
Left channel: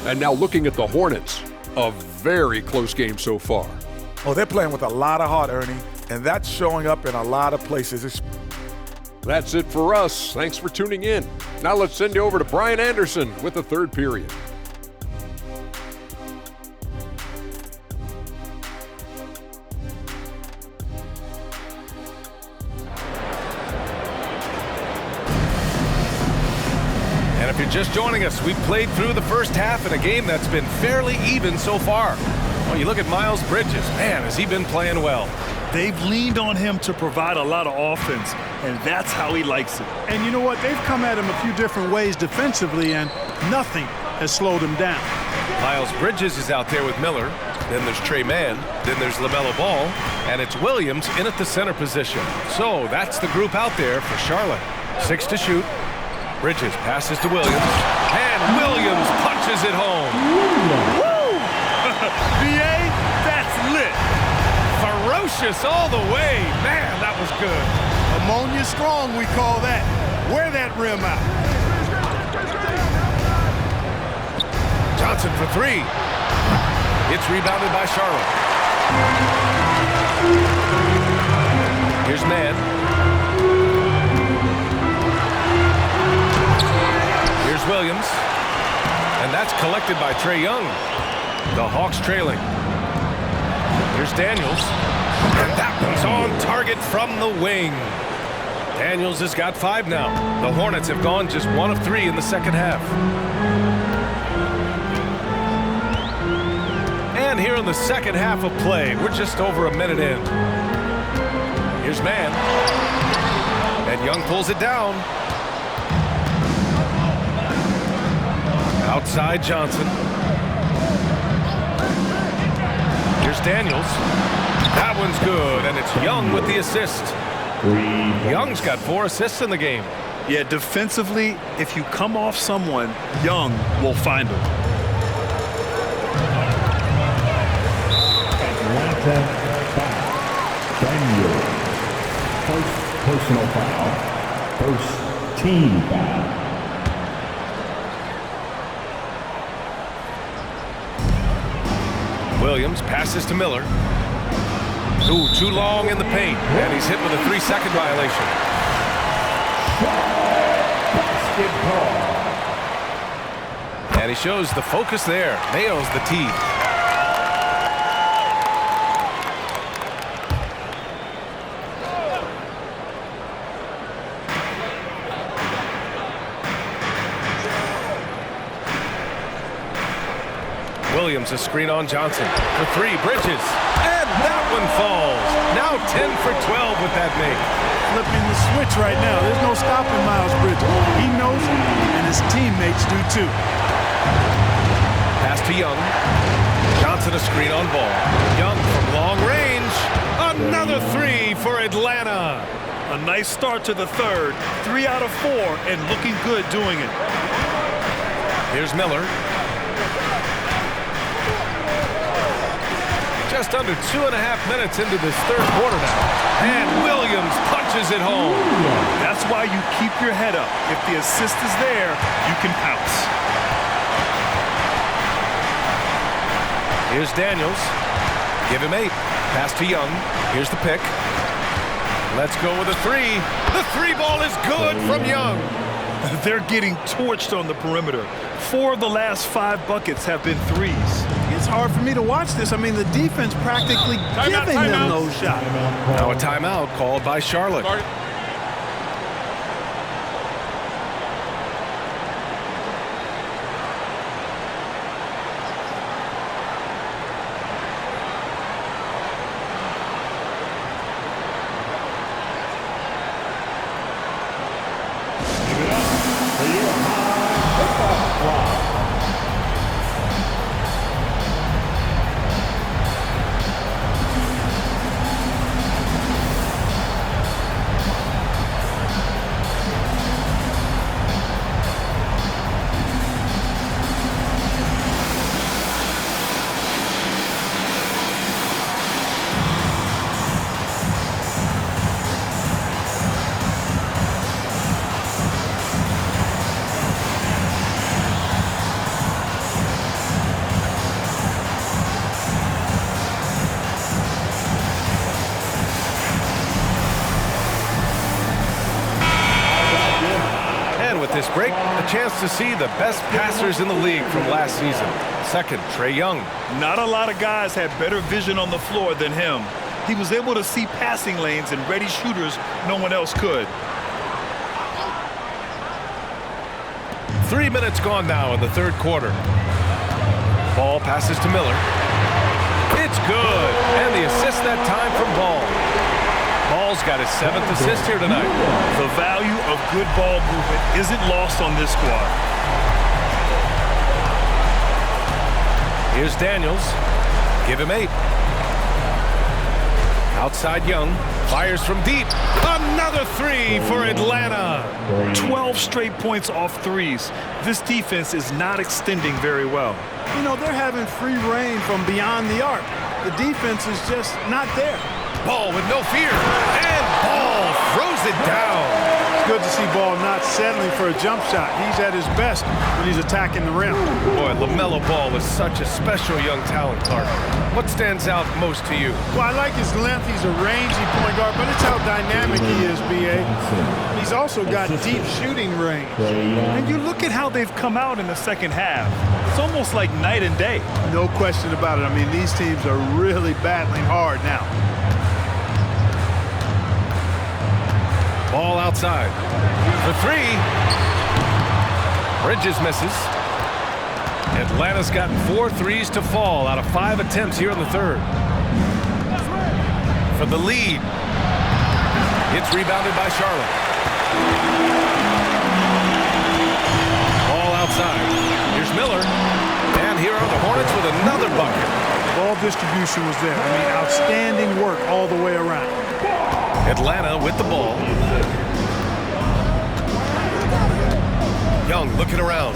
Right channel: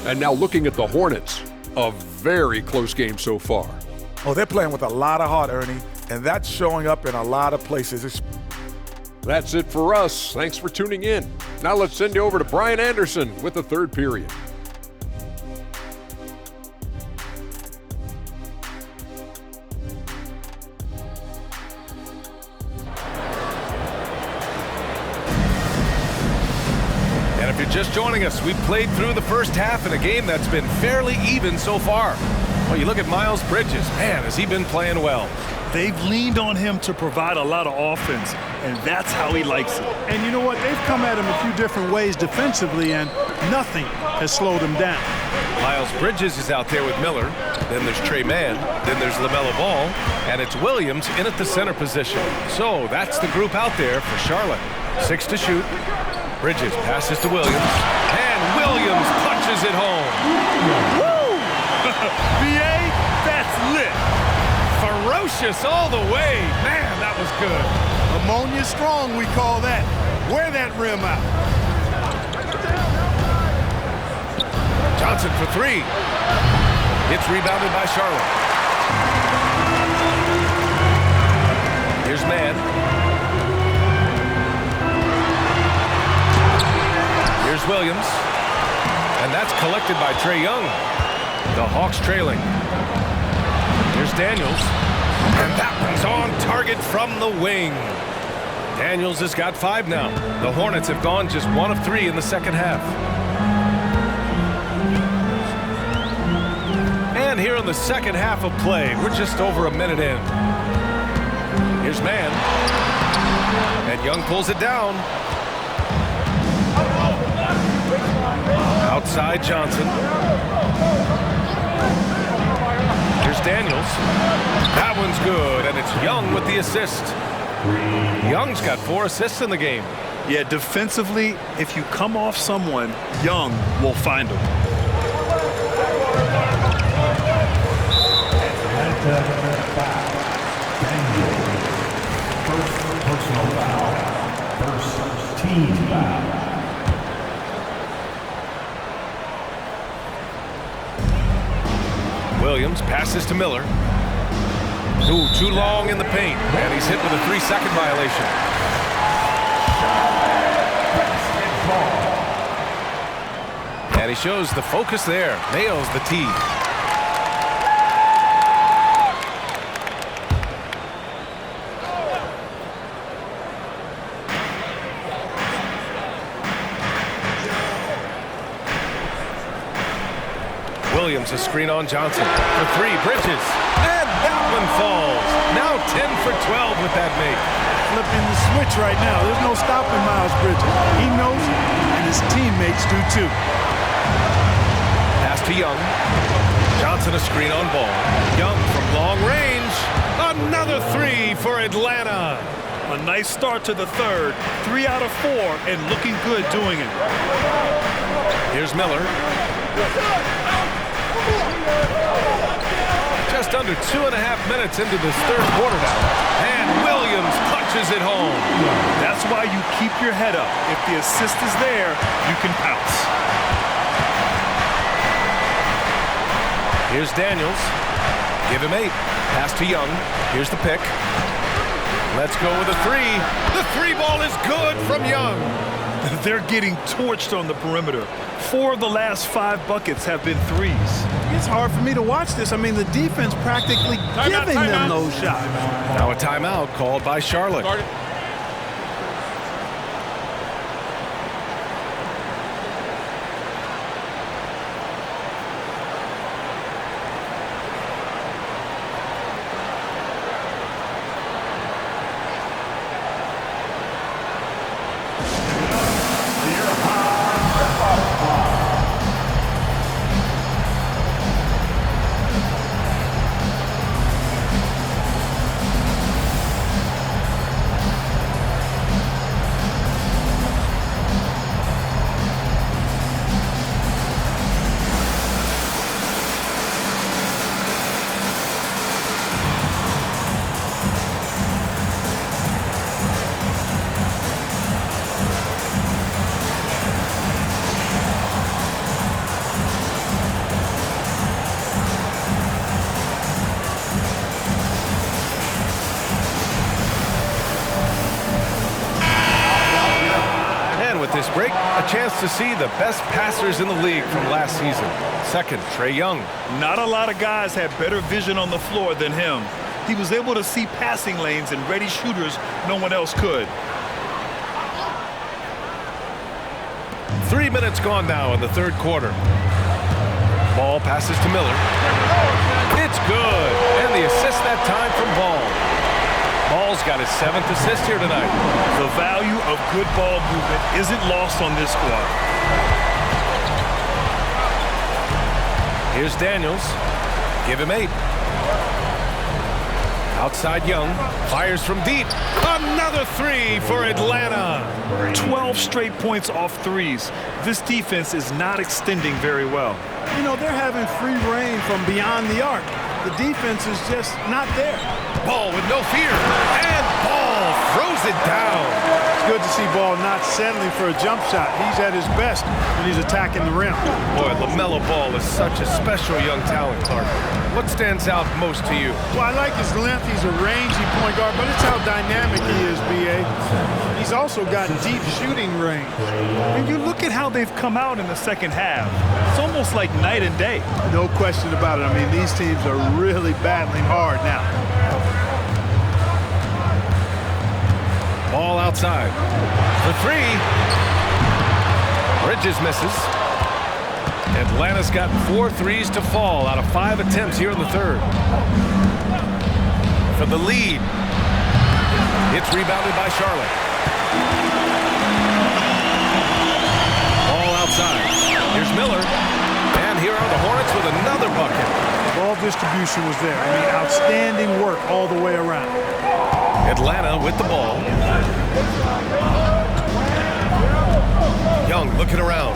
And now looking at the Hornets, a very close game so far. Oh, they're playing with a lot of heart, Ernie, and that's showing up in a lot of places. That's it for us. Thanks for tuning in. Now let's send you over to Brian Anderson with the third period. And if you're just joining us, we've played through the first half in a game that's been fairly even so far. Well, you look at Miles Bridges. Man, has he been playing well. They've leaned on him to provide a lot of offense, and that's how he likes it. And you know what? They've come at him a few different ways defensively, and nothing has slowed him down. Miles Bridges is out there with Miller. Then there's Trey Mann. Then there's LaMelo Ball. And it's Williams in at the center position. So that's the group out there for Charlotte. 6 to shoot. Bridges passes to Williams. And Williams punches it home. Woo! BA, that's lit. Ferocious all the way. Man, that was good. Ammonia strong, we call that. Wear that rim out. Johnson for 3. It's rebounded by Charlotte. Here's Mann. Here's Williams. And that's collected by Trae Young. The Hawks trailing. Here's Daniels. And that one's on target from the wing. Daniels has got 5 now. The Hornets have gone just 1 of 3 in the second half. And here in the second half of play, we're just over a minute in. Here's Mann. And Young pulls it down. Outside Johnson. Here's Daniels. That one's good, and it's Young with the assist. Young's got 4 assists in the game. Yeah, defensively, if you come off someone, Young will find them. Atlanta foul. Daniel. First personal foul. First team foul. Williams passes to Miller. Ooh, too long in the paint, and he's hit with a 3-second violation. And he shows the focus there. Nails the tee. Williams a screen on Johnson for 3. Bridges, and that one falls. Now 10 for 12 with that make. Flipping the switch right now. There's no stopping Miles Bridges. He knows it, and his teammates do too. Pass to Young. Johnson a screen on Ball. Young from long range. Another 3 for Atlanta. A nice start to the third. 3 out of 4, and looking good doing it. Here's Miller. Just under 2.5 minutes into this third quarter now. And Williams punches it home. That's why you keep your head up. If the assist is there, you can pounce. Here's Daniels. Give him 8. Pass to Young. Here's the pick. Let's go with a 3. The 3 ball is good from Young. They're getting torched on the perimeter. 4 of the last 5 buckets have been threes. It's hard for me to watch this. I mean, the defense practically giving them those shots. Now a timeout called by Charlotte. And with this break, a chance to see the best passers in the league from last season. Second, Trae Young. Not a lot of guys had better vision on the floor than him. He was able to see passing lanes and ready shooters no one else could. 3 minutes gone now in the third quarter. Ball passes to Miller. It's good. And the assist that time from Ball. Ball's got his 7th assist here tonight. The value of good ball movement isn't lost on this squad. Here's Daniels. Give him 8. Outside Young. Fires from deep. Another 3 for Atlanta. 12 straight points off threes. This defense is not extending very well. You know, they're having free reign from beyond the arc. The defense is just not there. Ball with no fear. And Ball throws it down. It's good to see Ball not settling for a jump shot. He's at his best when he's attacking the rim. Boy, LaMelo Ball is such a special young talent, Clark. What stands out most to you? Well, I like his length. He's a rangy point guard, but it's how dynamic he is, B.A. He's also got deep shooting range. And you look at how they've come out in the second half. It's almost like night and day. No question about it. I mean, these teams are really battling hard now. Ball outside. For 3. Bridges misses. Atlanta's gotten 4 threes to fall out of 5 attempts here in the third. For the lead. It's rebounded by Charlotte. Miller. And here are the Hornets with another bucket. Ball distribution was there. I mean, outstanding work all the way around. Atlanta with the ball. Young looking around.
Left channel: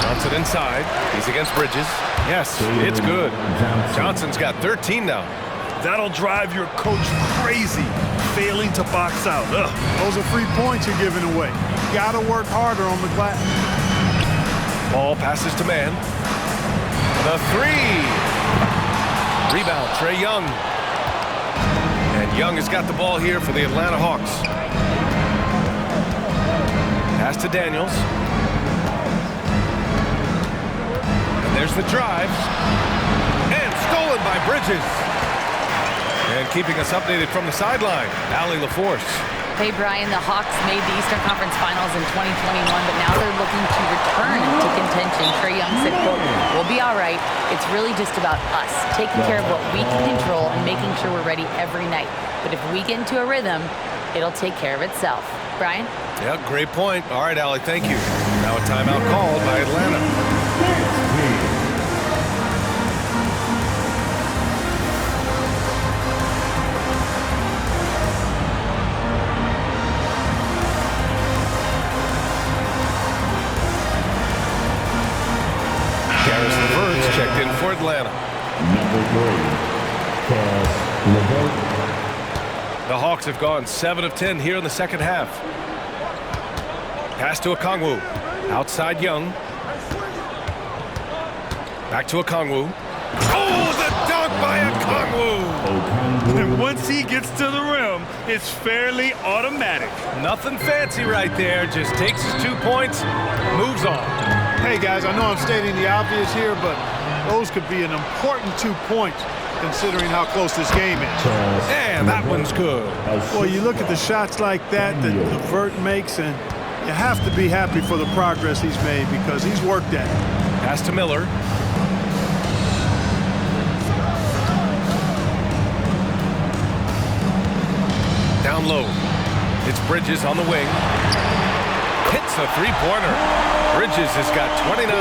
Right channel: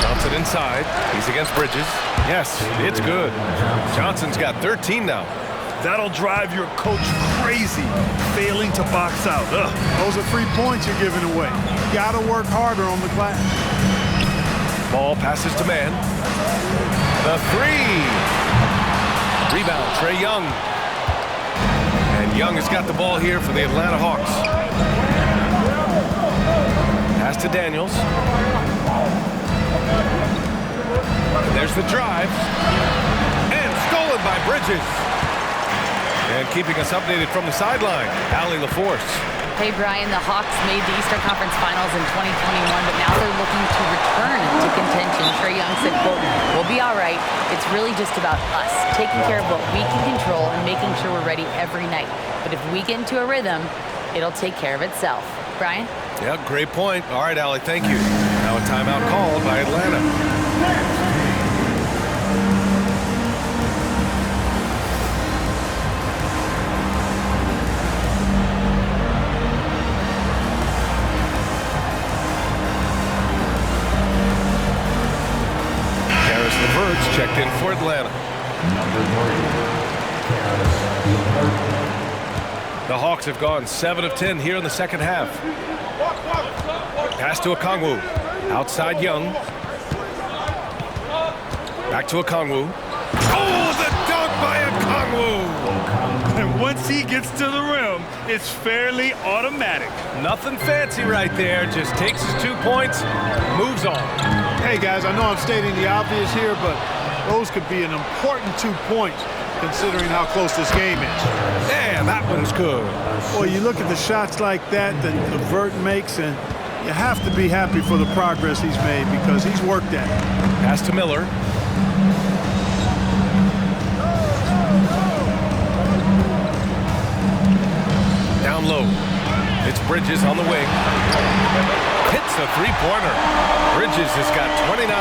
Johnson inside. He's against Bridges. Yes, it's good. Johnson's got 13 now. That'll drive your coach crazy, failing to box out. Ugh. Those are 3 points you're giving away. You got to work harder on the glass. Ball passes to man. The three. Rebound, Trae Young. And Young has got the ball here for the Atlanta Hawks. Pass to Daniels. And there's the drive. And stolen by Bridges. And keeping us updated from the sideline, Allie LaForce. Hey, Brian, the Hawks made the Eastern Conference Finals in 2021, but now they're looking to return to contention. Trae Young said, quote, "We'll be all right. It's really just about us, taking care of what we can control and making sure we're ready every night. But if we get into a rhythm, it'll take care of itself." Brian? Yeah, great point. All right, Allie, thank you. Now a timeout called by Atlanta. Caris LeVert's checked in for Atlanta. Number 3, Caris LeVert. The Hawks have gone 7 of 10 here in the second half. Pass to Okongwu. Outside Young. Back to Okongwu. Oh, the dunk by Okongwu! And once he gets to the rim, it's fairly automatic. Nothing fancy right there. Just takes his 2 points, moves on. Hey, guys, I know I'm stating the obvious here, but those could be an important 2 points considering how close this game is. And that one's good. Well, you look at the shots like that LeVert makes, and you have to be happy for the progress he's made because he's worked at it. Pass to Miller. Down low. It's Bridges on the wing. Hits a three-pointer. Bridges has got 29.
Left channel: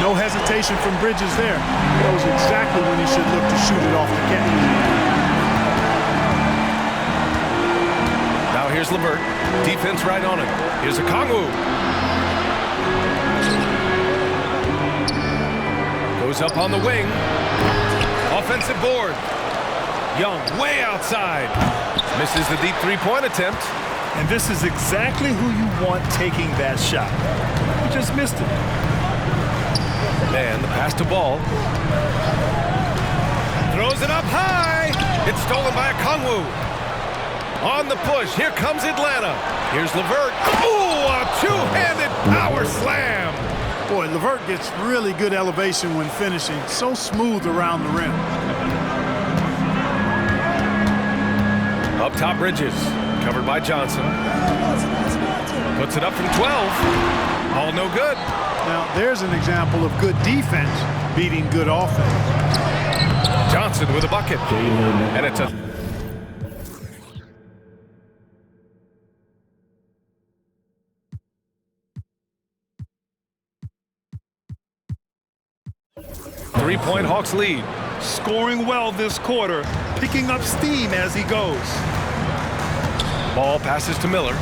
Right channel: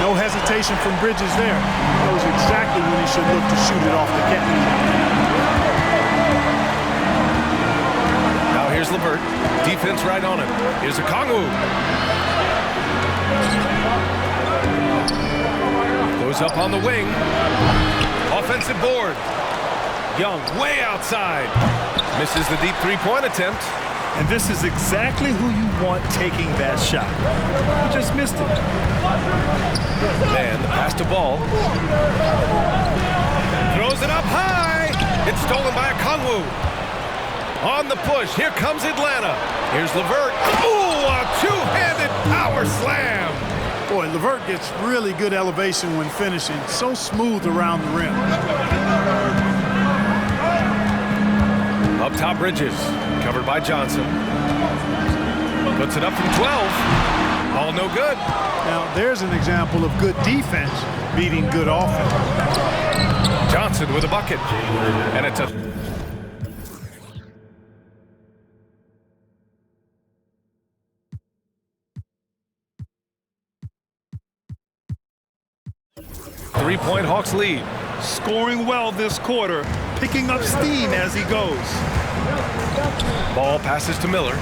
No hesitation from Bridges there. He knows exactly when he should look to shoot it off the catch. Now here's LeVert. Defense right on him. Here's Okongwu. Goes up on the wing. Offensive board. Young way outside. Misses the deep three-point attempt. And this is exactly who you want taking that shot. He just missed it. Man, the pass to Ball. Throws it up high. It's stolen by Okongwu. On the push, here comes Atlanta. Here's LeVert. Ooh, a two-handed power slam. Boy, LeVert gets really good elevation when finishing. So smooth around the rim. Up top, Bridges. Covered by Johnson. Puts it up from 12. All no good. Now, there's an example of good defense beating good offense. Johnson with a bucket. And it's a... three-point Hawks lead. Scoring well this quarter, picking up steam as he goes. Ball passes to Miller.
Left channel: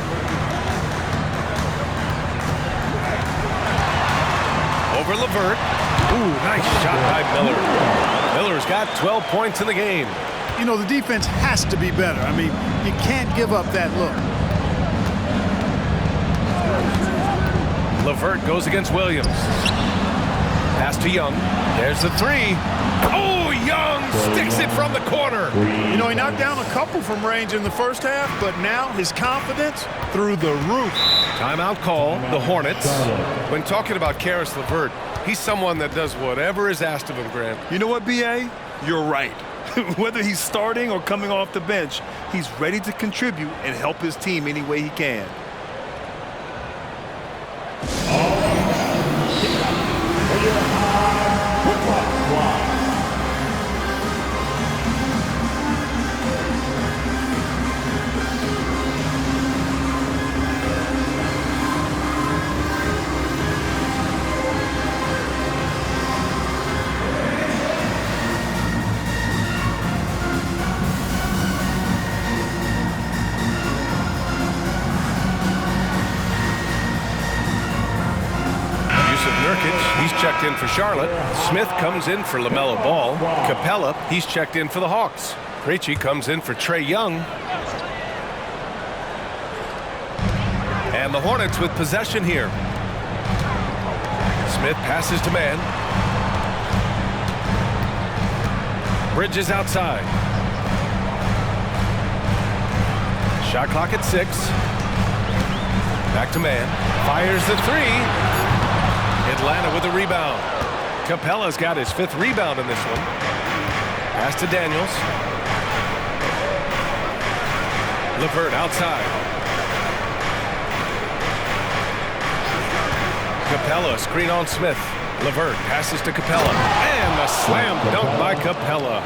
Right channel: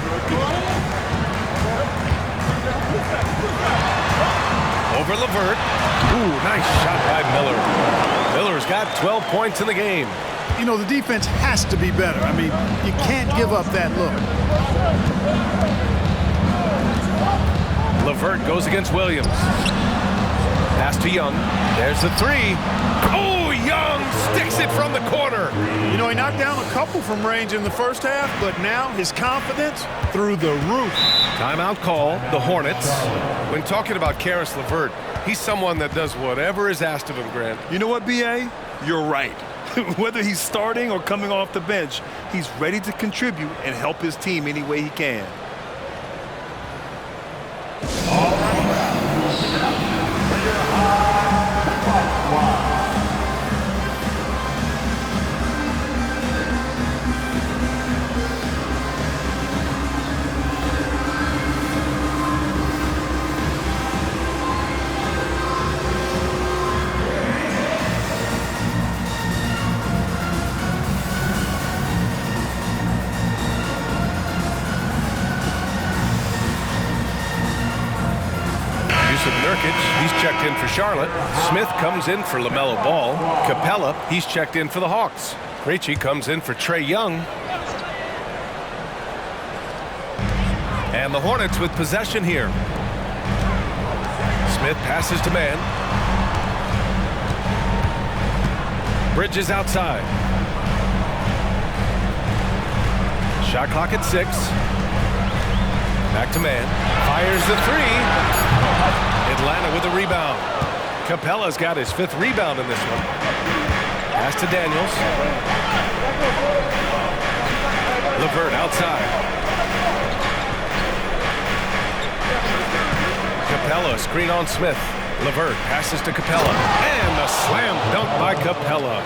Over LeVert. Ooh, nice shot by Miller. Miller's got 12 points in the game. You know, the defense has to be better. I mean, you can't give up that look. LeVert goes against Williams. Pass to Young. There's the three. Oh, Young sticks it from the corner. You know, he knocked down a couple from range in the first half, but now his confidence through the roof. Timeout call, the Hornets. When talking about Caris LeVert, he's someone that does whatever is asked of him, Grant. You know what, B.A.? You're right. Whether he's starting or coming off the bench, he's ready to contribute and help his team any way he can. Yusuf Nurkic, he's checked in for Charlotte. Smith comes in for LaMelo Ball. Capella, he's checked in for the Hawks. Krejci comes in for Trae Young. And the Hornets with possession here. Smith passes to man. Bridges outside. Shot clock at 6. Back to man. Fires the 3. Atlanta with a rebound. Capella's got his 5th rebound in this one. Pass to Daniels. LeVert outside. Capella, screen on Smith. LeVert passes to Capella. And a slam dunk by Capella.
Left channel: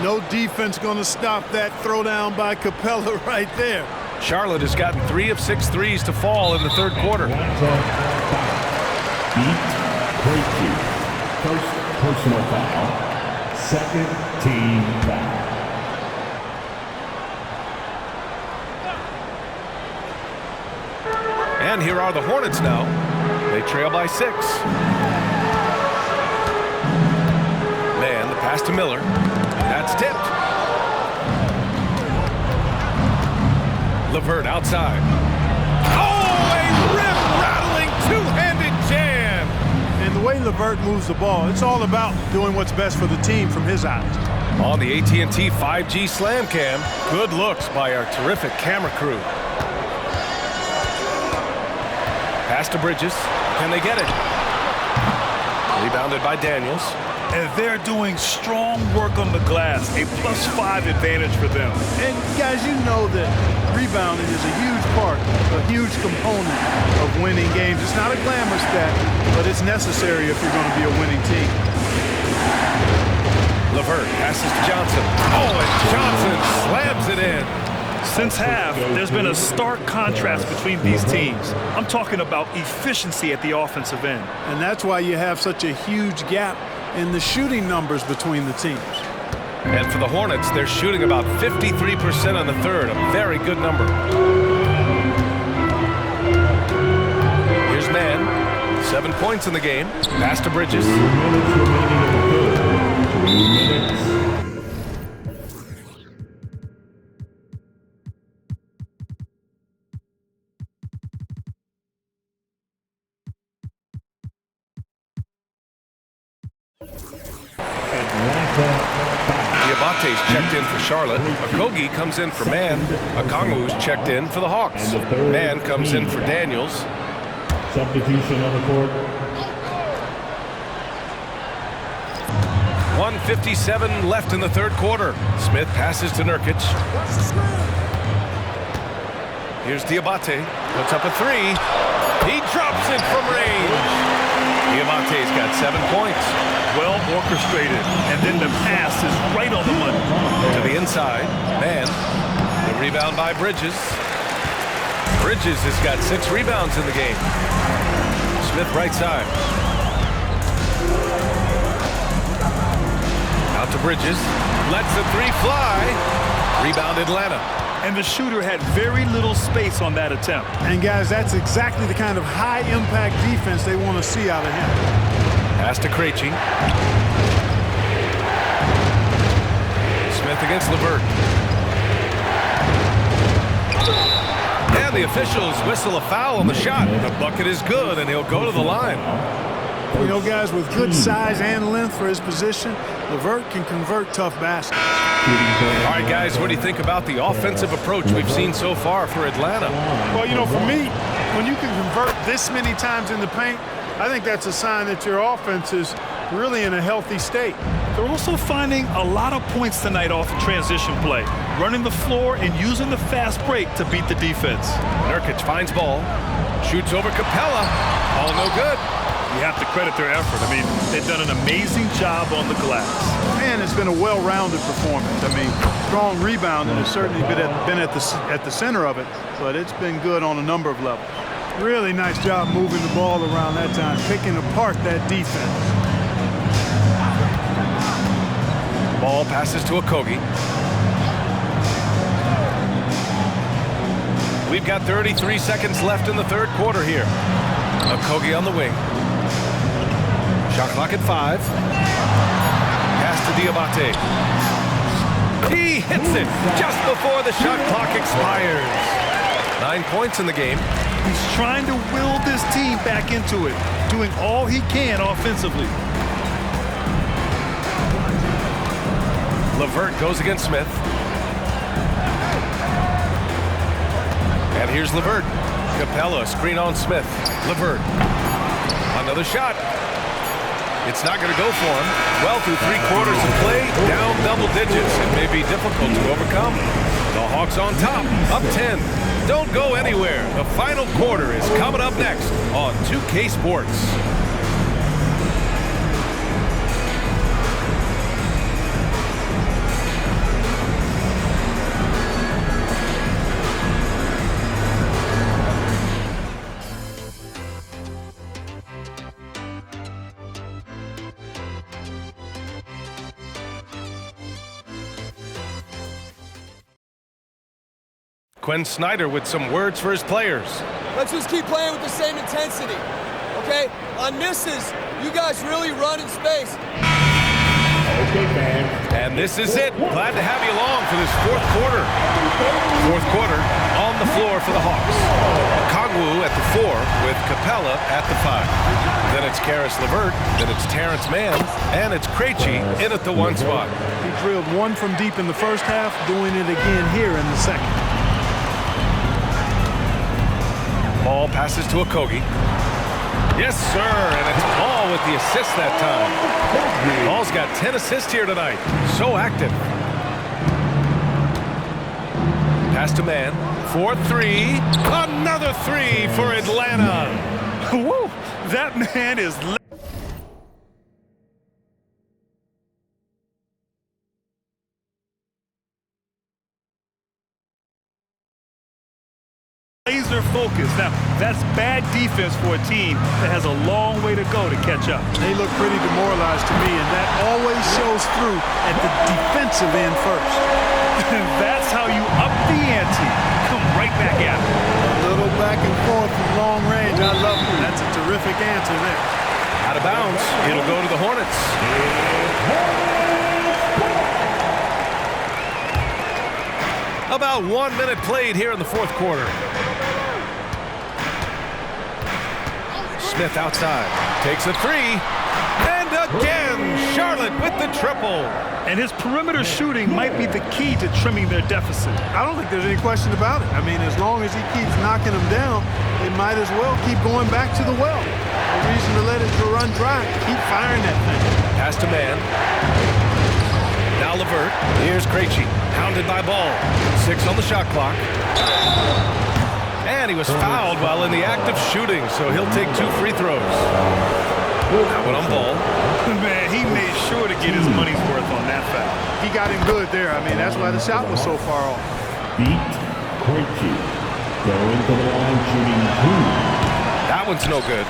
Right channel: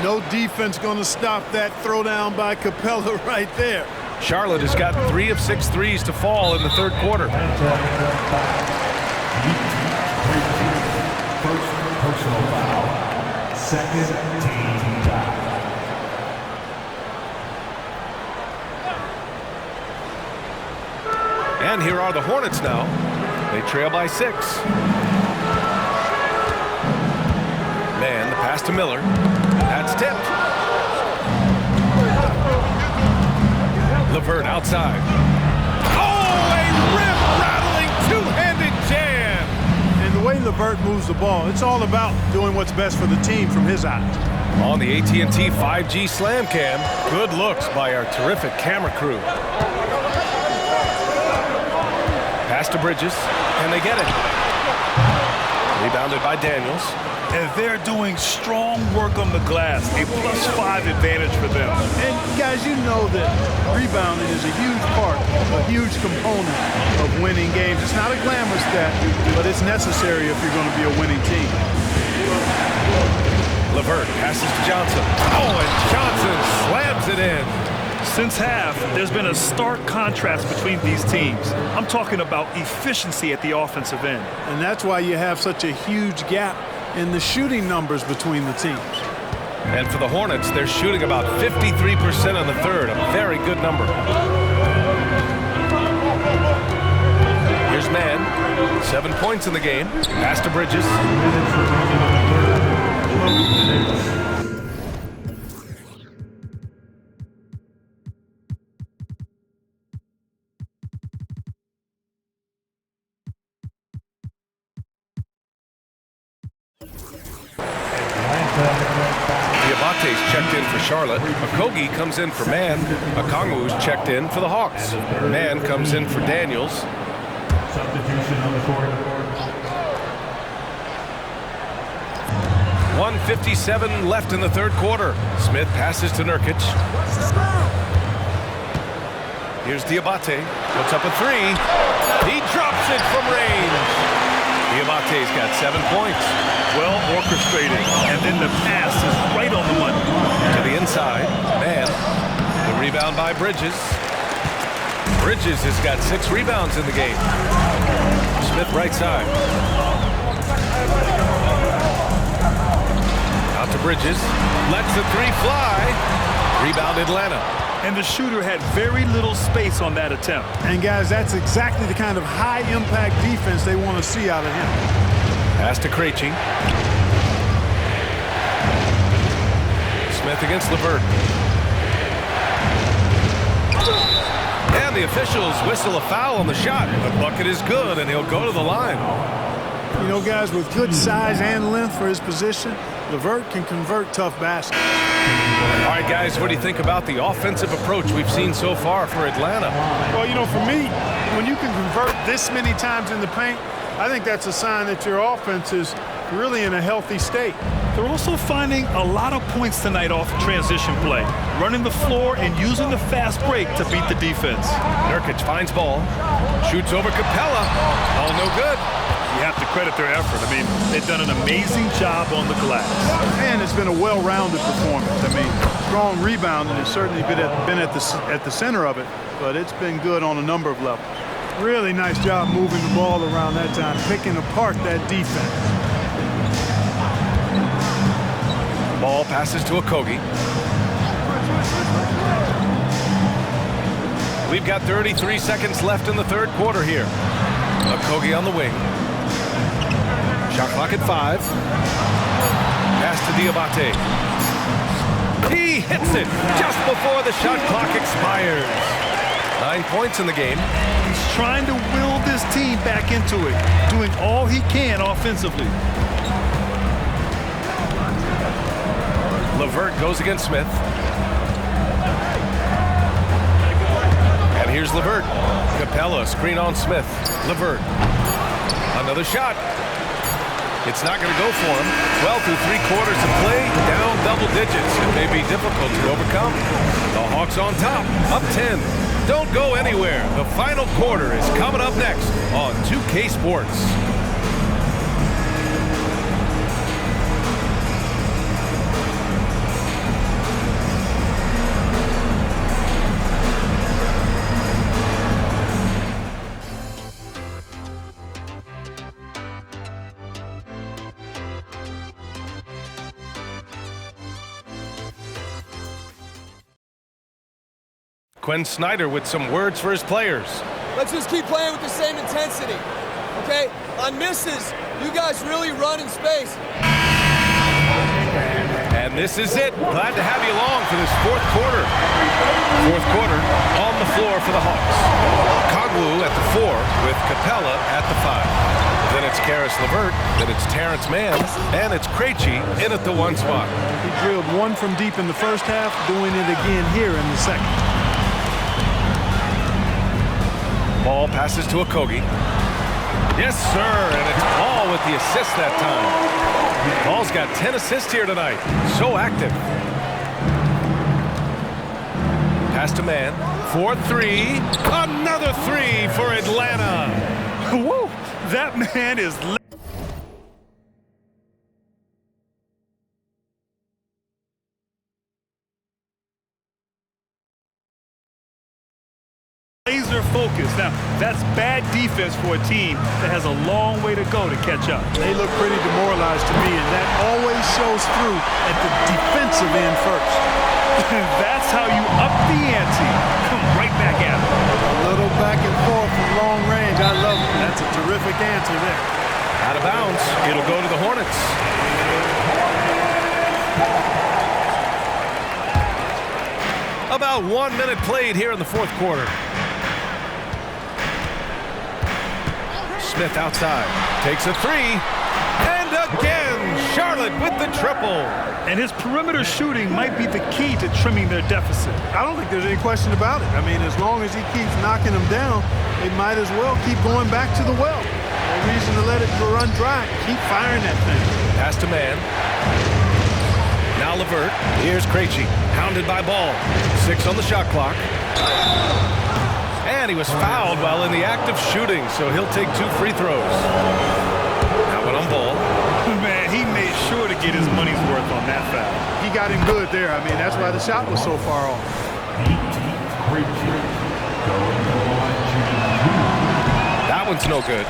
No defense going to stop that throwdown by Capella right there. Charlotte has gotten 3 of 6 threes to fall in the third quarter. Beat Krejci. First personal foul. Second team foul. And here are the Hornets now. They trail by 6. Man, the pass to Miller. That's tipped. LeVert outside. Oh, a rim-rattling two-handed jam. And the way LeVert moves the ball, it's all about doing what's best for the team from his eyes. On the AT&T 5G Slam Cam, good looks by our terrific camera crew. Pass to Bridges. Can they get it? Rebounded by Daniels. And they're doing strong work on the glass, a +5 advantage for them. And guys, you know that rebounding is a huge part, a huge component of winning games. It's not a glamour stat, but it's necessary if you're going to be a winning team. LeVert passes to Johnson. Oh, and Johnson slams it in. Since half, there's been a stark contrast between these teams. I'm talking about efficiency at the offensive end. And that's why you have such a huge gap in the shooting numbers between the teams. And for the Hornets, they're shooting about 53% on the third, a very good number. Here's Man, 7 points in the game. Pass to Bridges. 2 minutes remaining in the third. 2 minutes. Diabate's checked in for Charlotte. Okogie comes in for Man. Okongwu's checked in for the Hawks. Man comes in for Daniels. Substitution on the court. 1:57 left in the third quarter. Smith passes to Nurkic. Here's Diabate. Puts up a 3. He drops it from range. Diabate's got 7 points. Well orchestrated, and then the pass is right on the money. To the inside, Man. The rebound by Bridges. Bridges has got 6 rebounds in the game. Smith right side. Out to Bridges. Lets the 3 fly. Rebound Atlanta. And the shooter had very little space on that attempt. And guys, that's exactly the kind of high-impact defense they want to see out of him. Pass to Krejci. Smith against LeVert. And the officials whistle a foul on the shot. The bucket is good, and he'll go to the line. You know, guys, with good size and length for his position, LeVert can convert tough baskets. All right, guys, what do you think about the offensive approach we've seen so far for Atlanta? Well, you know, for me, when you can convert this many times in the paint, I think that's a sign that your offense is really in a healthy state. They're also finding a lot of points tonight off transition play, running the floor and using the fast break to beat the defense. Nurkic finds ball, shoots over Capella. All no good. You have to credit their effort. I mean, they've done an amazing job on the glass. And it's been a well-rounded performance. I mean, strong rebounding has certainly been at the center of it, but it's been good on a number of levels. Really nice job moving the ball around that time, picking apart that defense. Ball passes to Okogie. We've got 33 seconds left in the third quarter here. Okogie on the wing. Shot clock at 5. Pass to Diabate. He hits it just before the shot clock expires. 9 points in the game. He's trying to will this team back into it, doing all he can offensively. LeVert goes against Smith. And here's LeVert. Capella, screen on Smith. LeVert. Another shot. It's not going to go for him. Well, through 3 quarters of play, down double digits. It may be difficult to overcome. The Hawks on top, up 10. Don't go anywhere. The final quarter is coming up next on 2K Sports. Quinn Snyder with some words for his players. Let's just keep playing with the same intensity, okay? On misses, you guys really run in space. And this is it. Glad to have you along for this fourth quarter. Fourth quarter on the floor for the Hawks. Kongwu at the 4 with Capella at the 5. Then it's Karis LeVert, then it's Terrence Mann, and it's Krejci in at the 1 spot. He drilled one from deep in the first half, doing it again here in the second. Ball passes to Okogie. Yes, sir, and it's Ball with the assist that time. Ball's got 10 assists here tonight. So active. Pass to Mann. 4-3. Another 3 for Atlanta. Woo! That man is laser focused. Now, that's bad defense for a team that has a long way to go to catch up. They look pretty demoralized to me, and that always shows through at the defensive end first. That's how you up the ante. Come right back at it. A little back and forth from long range. I love it. That's a terrific answer there. Out of bounds. It'll go to the Hornets. About 1 minute played here in the fourth quarter. Smith outside. Takes a 3. And again, Charlotte with the triple. And his perimeter shooting might be the key to trimming their deficit. I don't think there's any question about it. I mean, as long as he keeps knocking them down, they might as well keep going back to the well. No reason to let it run dry. Keep firing that thing. Pass to Mann. Now LeVert. Here's Krejci. Hounded by Ball. 6 on the shot clock. And he was fouled while in the act of shooting, so he'll take 2 free throws. That one on Ball. Man, he made sure to get his money's worth on that foul. He got him good there. I mean, that's why the shot was so far off. Beat Krejci. Going to the line, shooting 2. That one's no good.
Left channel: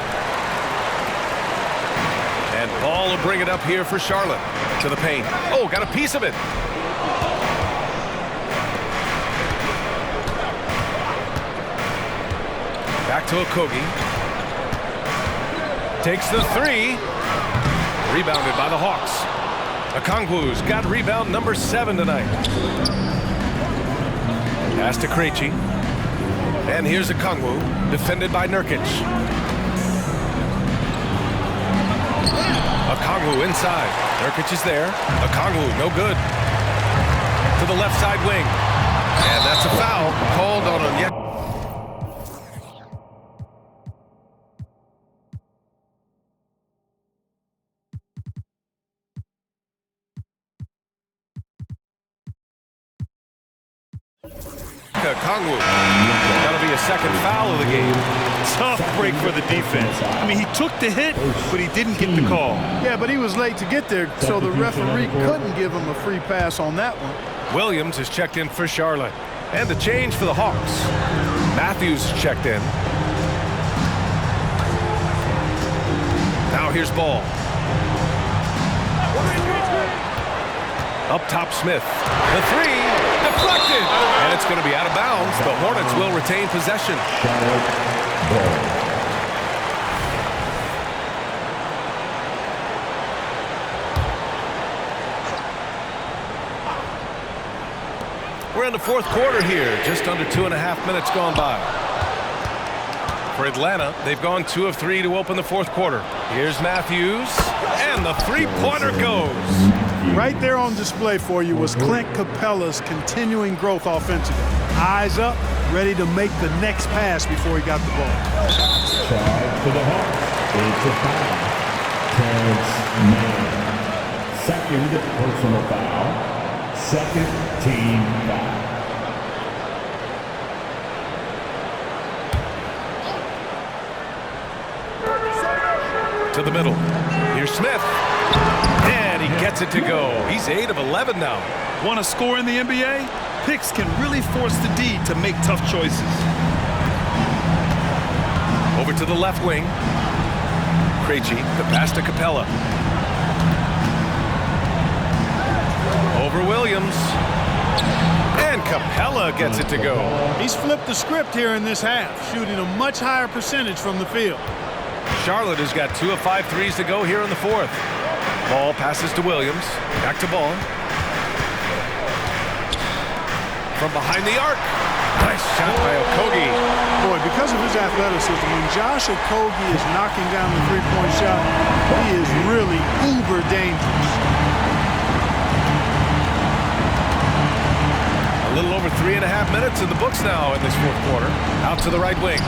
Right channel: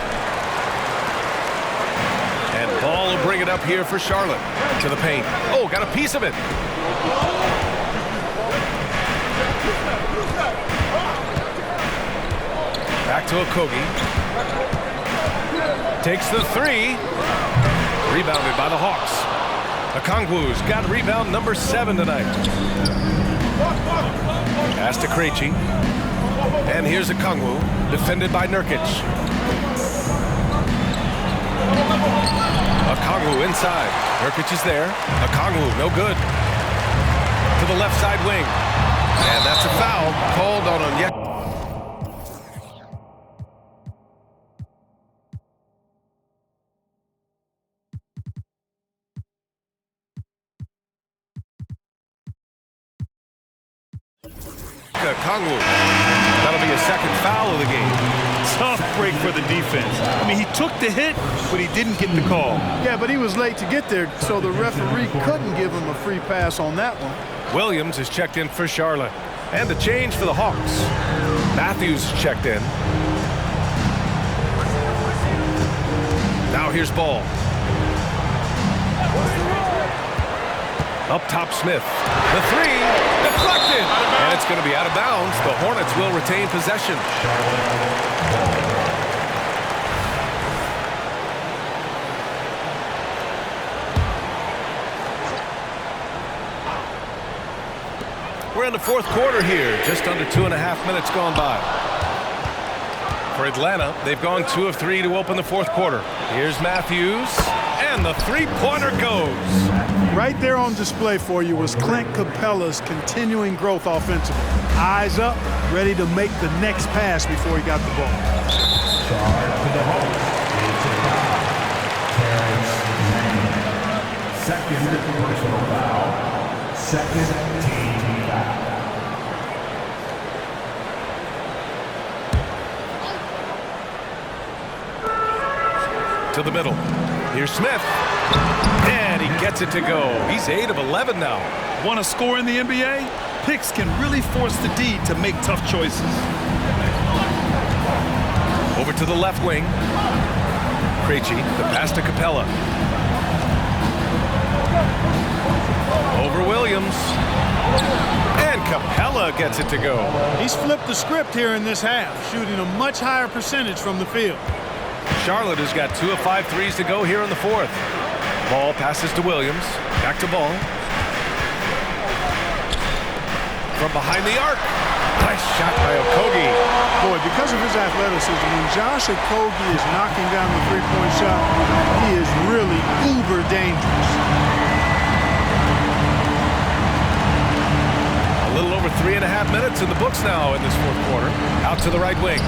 And Ball will bring it up here for Charlotte. To the paint. Oh, got a piece of it. Back to Okogie. Takes the 3. Rebounded by the Hawks. Okongwu's got rebound number 7 tonight. Pass to Krejci. And here's Okongwu, defended by Nurkic. Okongwu inside. Nurkic is there. Okongwu, no good. To the left side wing. And that's a foul called on Onyeka. Okongwu. That'll be a second foul of the game. Tough break for the defense. I mean, he took the hit, but he didn't get the call. Yeah, but he was late to get there, so the referee couldn't give him a free pass on that one. Williams is checked in for Charlotte. And the change for the Hawks. Matthews checked in. Now here's Ball. Up top, Smith. The 3, deflected. And it's going to be out of bounds. The Hornets will retain possession. We're in the fourth quarter here, just under 2.5 minutes gone by. For Atlanta, they've gone 2 of 3 to open the fourth quarter. Here's Matthews, and the three-pointer goes. Right there on display for you was Clint Capella's continuing growth offensively. Eyes up, ready to make the next pass before he got the ball. Charge to the Hawks. It's a foul. Terrence Mann. Second personal foul. Second team foul. To the middle. Here's Smith. And he gets it to go. He's 8 of 11 now. Want to score in the NBA? Picks can really force the D to make tough choices. Over to the left wing. Krejci, the pass to Capella. Over Williams. And Capella gets it to go. He's flipped the script here in this half, shooting a much higher percentage from the field. Charlotte has got 2 of 5 threes to go here in the fourth. Ball passes to Williams. Back to Ball. From behind the arc. Nice shot by Okogie. Boy, because of his athleticism, when Josh Okogie is knocking down the three-point shot, he is really uber dangerous. A little over 3.5 minutes in the books now in this fourth quarter. Out to the right wing.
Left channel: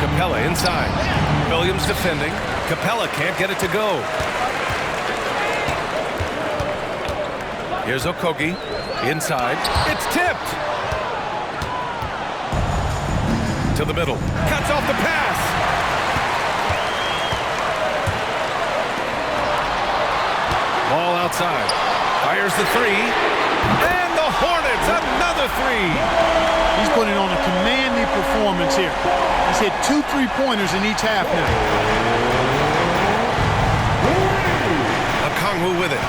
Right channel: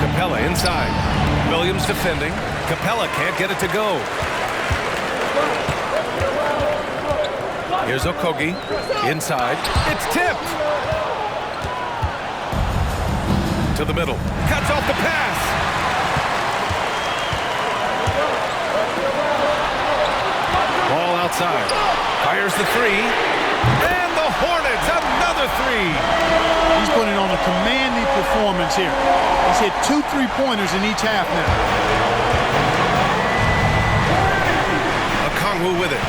Capella inside. Williams defending. Capella can't get it to go. Here's Okogie. Inside. It's tipped. To the middle. Cuts off the pass. Ball outside. Fires the three. And the Hornets, another three. He's putting on a commanding performance here. He's hit 2 3-pointers in each half now. Okongwu with it.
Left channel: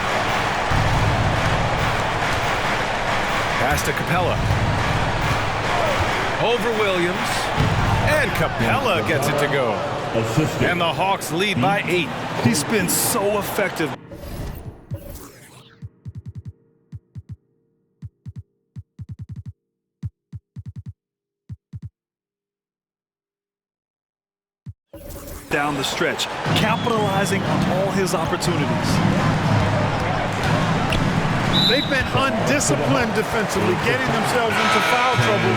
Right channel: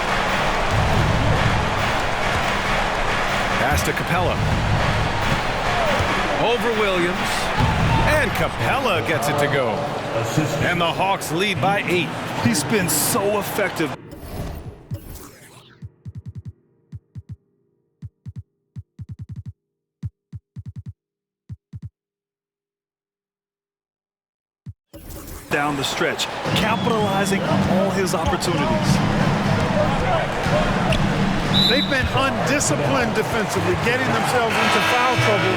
Pass to Capella. Over Williams. And Capella gets it to go. And the Hawks lead by 8. He's been so effective. Down the stretch, capitalizing on all his opportunities. They've been undisciplined defensively, getting themselves into foul trouble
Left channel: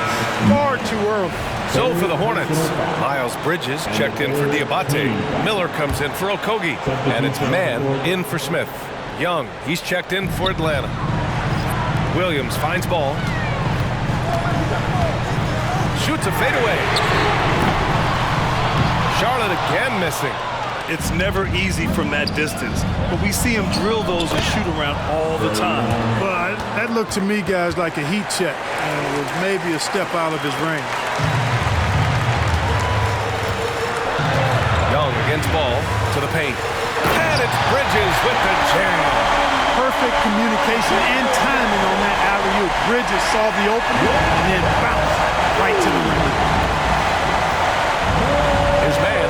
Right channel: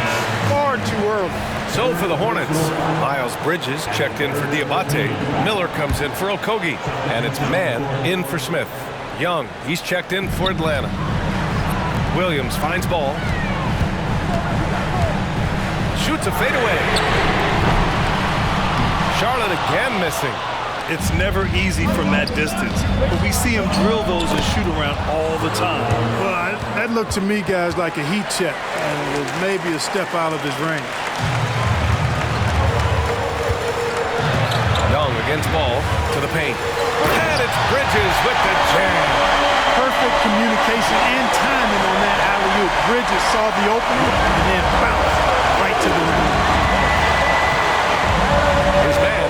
far too early. So for the Hornets, Miles Bridges checked in for Diabate. Miller comes in for Okogie. And it's Mann in for Smith. Young, he's checked in for Atlanta. Williams finds Ball. Shoots a fadeaway. Charlotte again missing. It's never easy from that distance, but we see him drill those and shoot around all the time. Well, that looked to me, guys, like a heat check, and it was maybe a step out of his range. Young against Ball to the paint. And it's Bridges with the jam. Perfect communication and timing on that alley-oop. Bridges saw the opening and then bounced right to the ring. Here's Mann.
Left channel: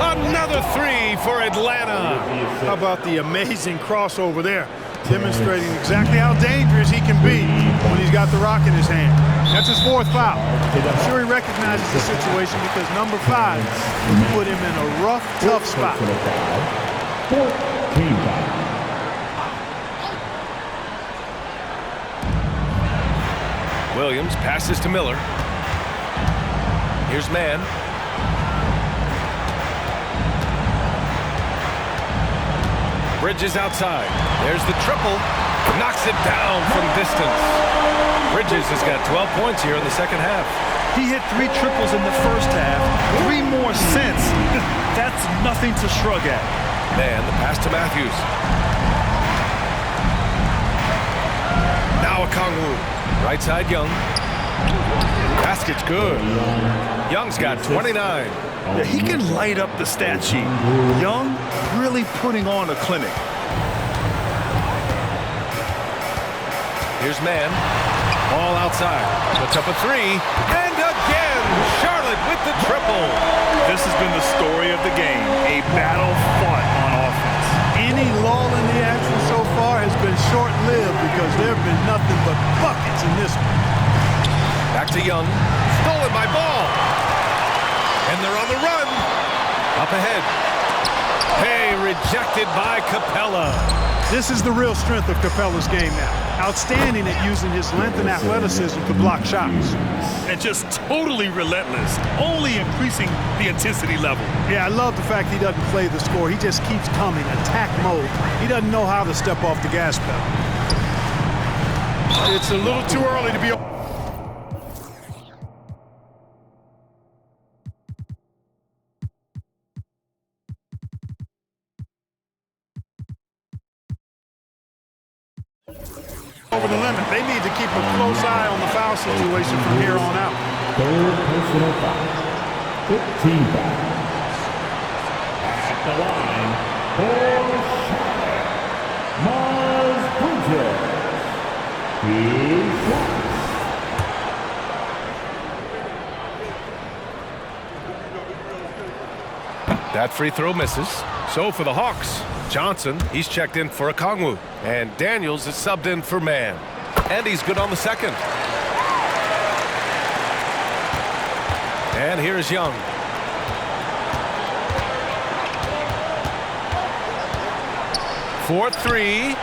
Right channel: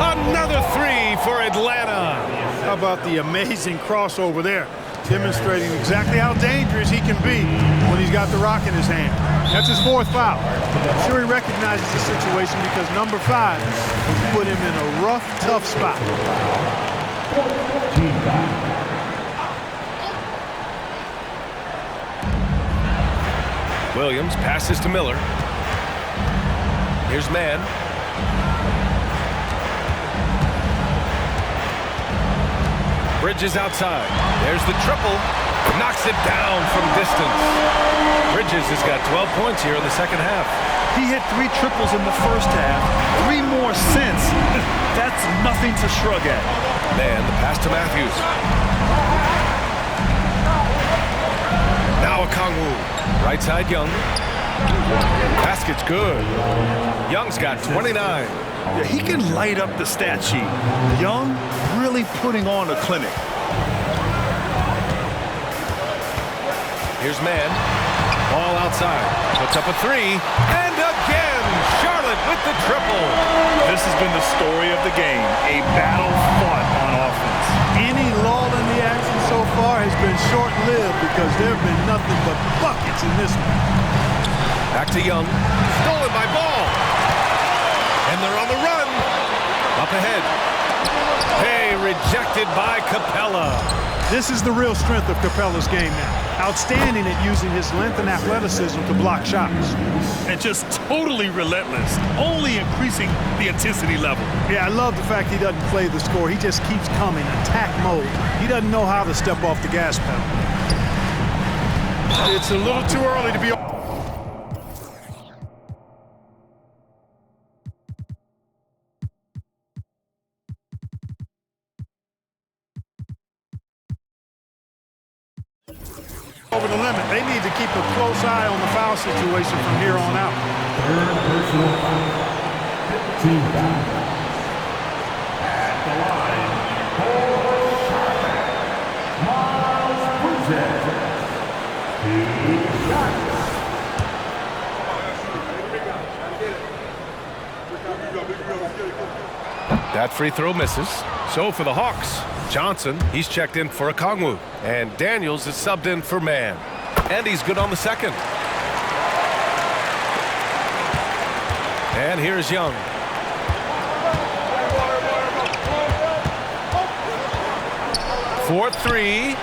Another three for Atlanta. How about the amazing crossover there? Demonstrating exactly how dangerous he can be when he's got the rock in his hand. That's his 4th foul. I'm sure he recognizes the situation because number 5 would put him in a rough, tough spot. Team foul. Williams passes to Miller. Here's Mann. Bridges outside. There's the triple. Knocks it down from distance. Bridges has got 12 points here in the second half. He hit 3 triples in the first half, 3 more since. That's nothing to shrug at. Mann, the pass to Matthews. Now Okongwu. Right side, Young. Basket's good. Young's got 29. Yeah, he can light up the stat sheet. Young really putting on a clinic. Here's Mann. Ball outside. Puts up a three. And again, Charlotte with the triple. This has been the story of the game, a battle fought on offense. Any lull in the action so far has been short-lived because there have been nothing but buckets in this one. Back to Young. Stolen by Ball. And they're on the run. Up ahead. Hey, rejected by Capella. This is the real strength of Capella's game now. Outstanding at using his length and athleticism to block shots. And just totally relentless, only increasing the intensity level. Yeah, I love the fact he doesn't play the score. He just keeps coming, attack mode. He doesn't know how to step off the gas pedal. It's a little too early to be... over the limit. They need to keep a close eye on the foul situation from here on out. Third personal foul. 15 foul. At the line for Charlotte, Miles Bridges. 2 shots. That free throw misses. So for the Hawks, Johnson, he's checked in for Okongwu. And Daniels is subbed in for Mann. And he's good on the second. And here's Young. For 3.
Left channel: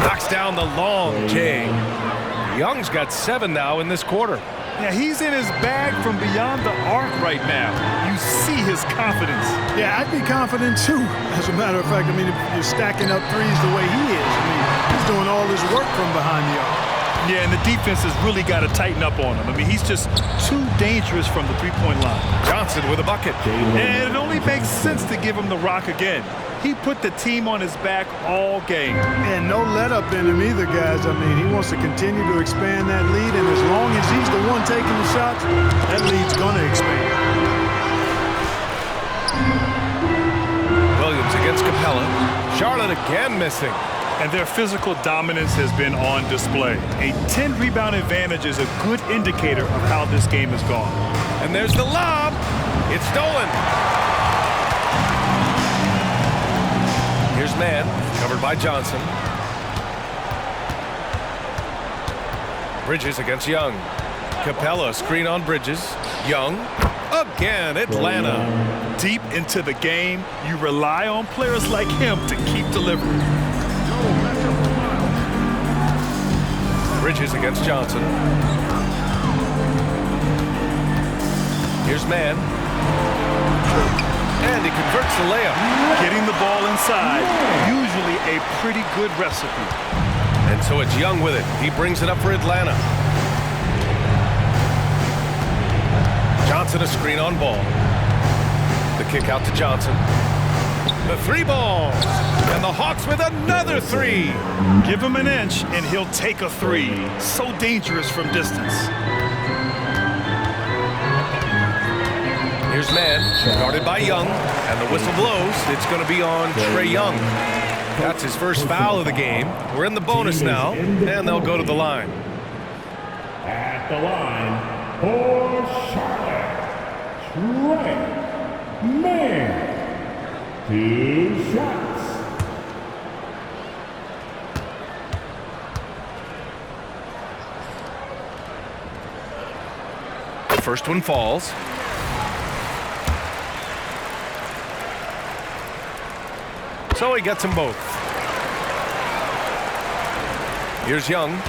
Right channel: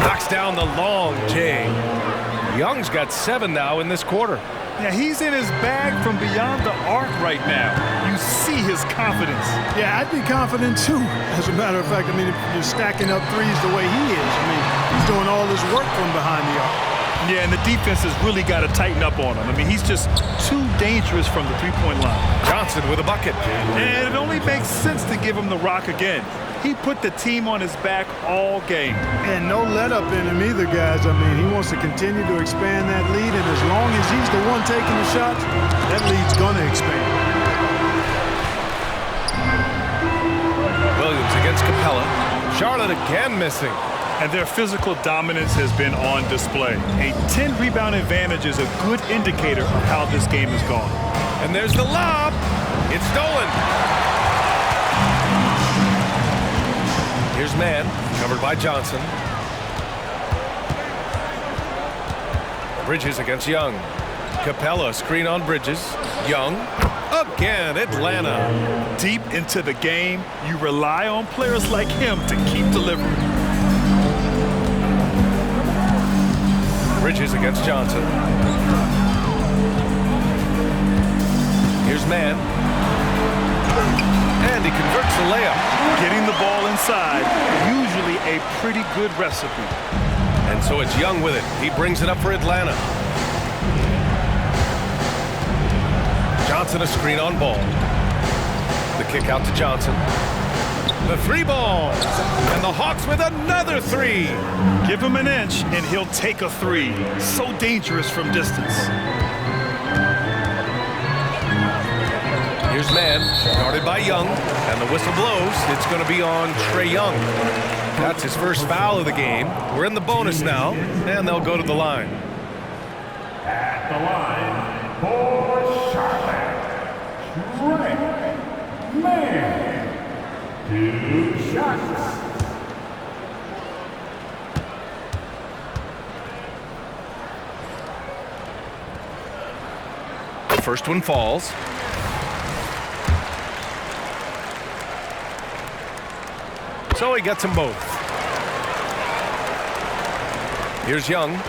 Knocks down the long J. Young's got 7 now in this quarter. Yeah, he's in his bag from beyond the arc right now. You see his confidence. Yeah, I'd be confident too. As a matter of fact, I mean, if you're stacking up threes the way he is, I mean, he's doing all his work from behind the arc. Yeah, and the defense has really got to tighten up on him. I mean, he's just too dangerous from the three-point line. Johnson with a bucket. And it only makes sense to give him the rock again. He put the team on his back all game. And no let-up in him either, guys. I mean, he wants to continue to expand that lead, and as long as he's the one taking the shots, that lead's going to expand. Williams against Capella. Charlotte again missing. And their physical dominance has been on display. A 10-rebound advantage is a good indicator of how this game has gone. And there's the lob. It's stolen. Here's Mann, covered by Johnson. Bridges against Young. Capella, screen on Bridges. Young, again, Atlanta. Deep into the game, you rely on players like him to keep delivering. Bridges against Johnson. Here's Mann. And he converts the layup. Getting the ball inside, usually a pretty good recipe. And so it's Young with it. He brings it up for Atlanta. Johnson a screen on Ball. The kick out to Johnson. The 3 ball. And the Hawks with another 3. Give him an inch and he'll take a 3. So dangerous from distance. Here's Mann, guarded by Young, and the whistle blows. It's going to be on Trae Young. That's his first foul of the game. We're in the bonus now, and they'll go to the line. At the line for Charlotte, Trae Mann. 2 shots. The first one falls. So he gets them both. Here's Young.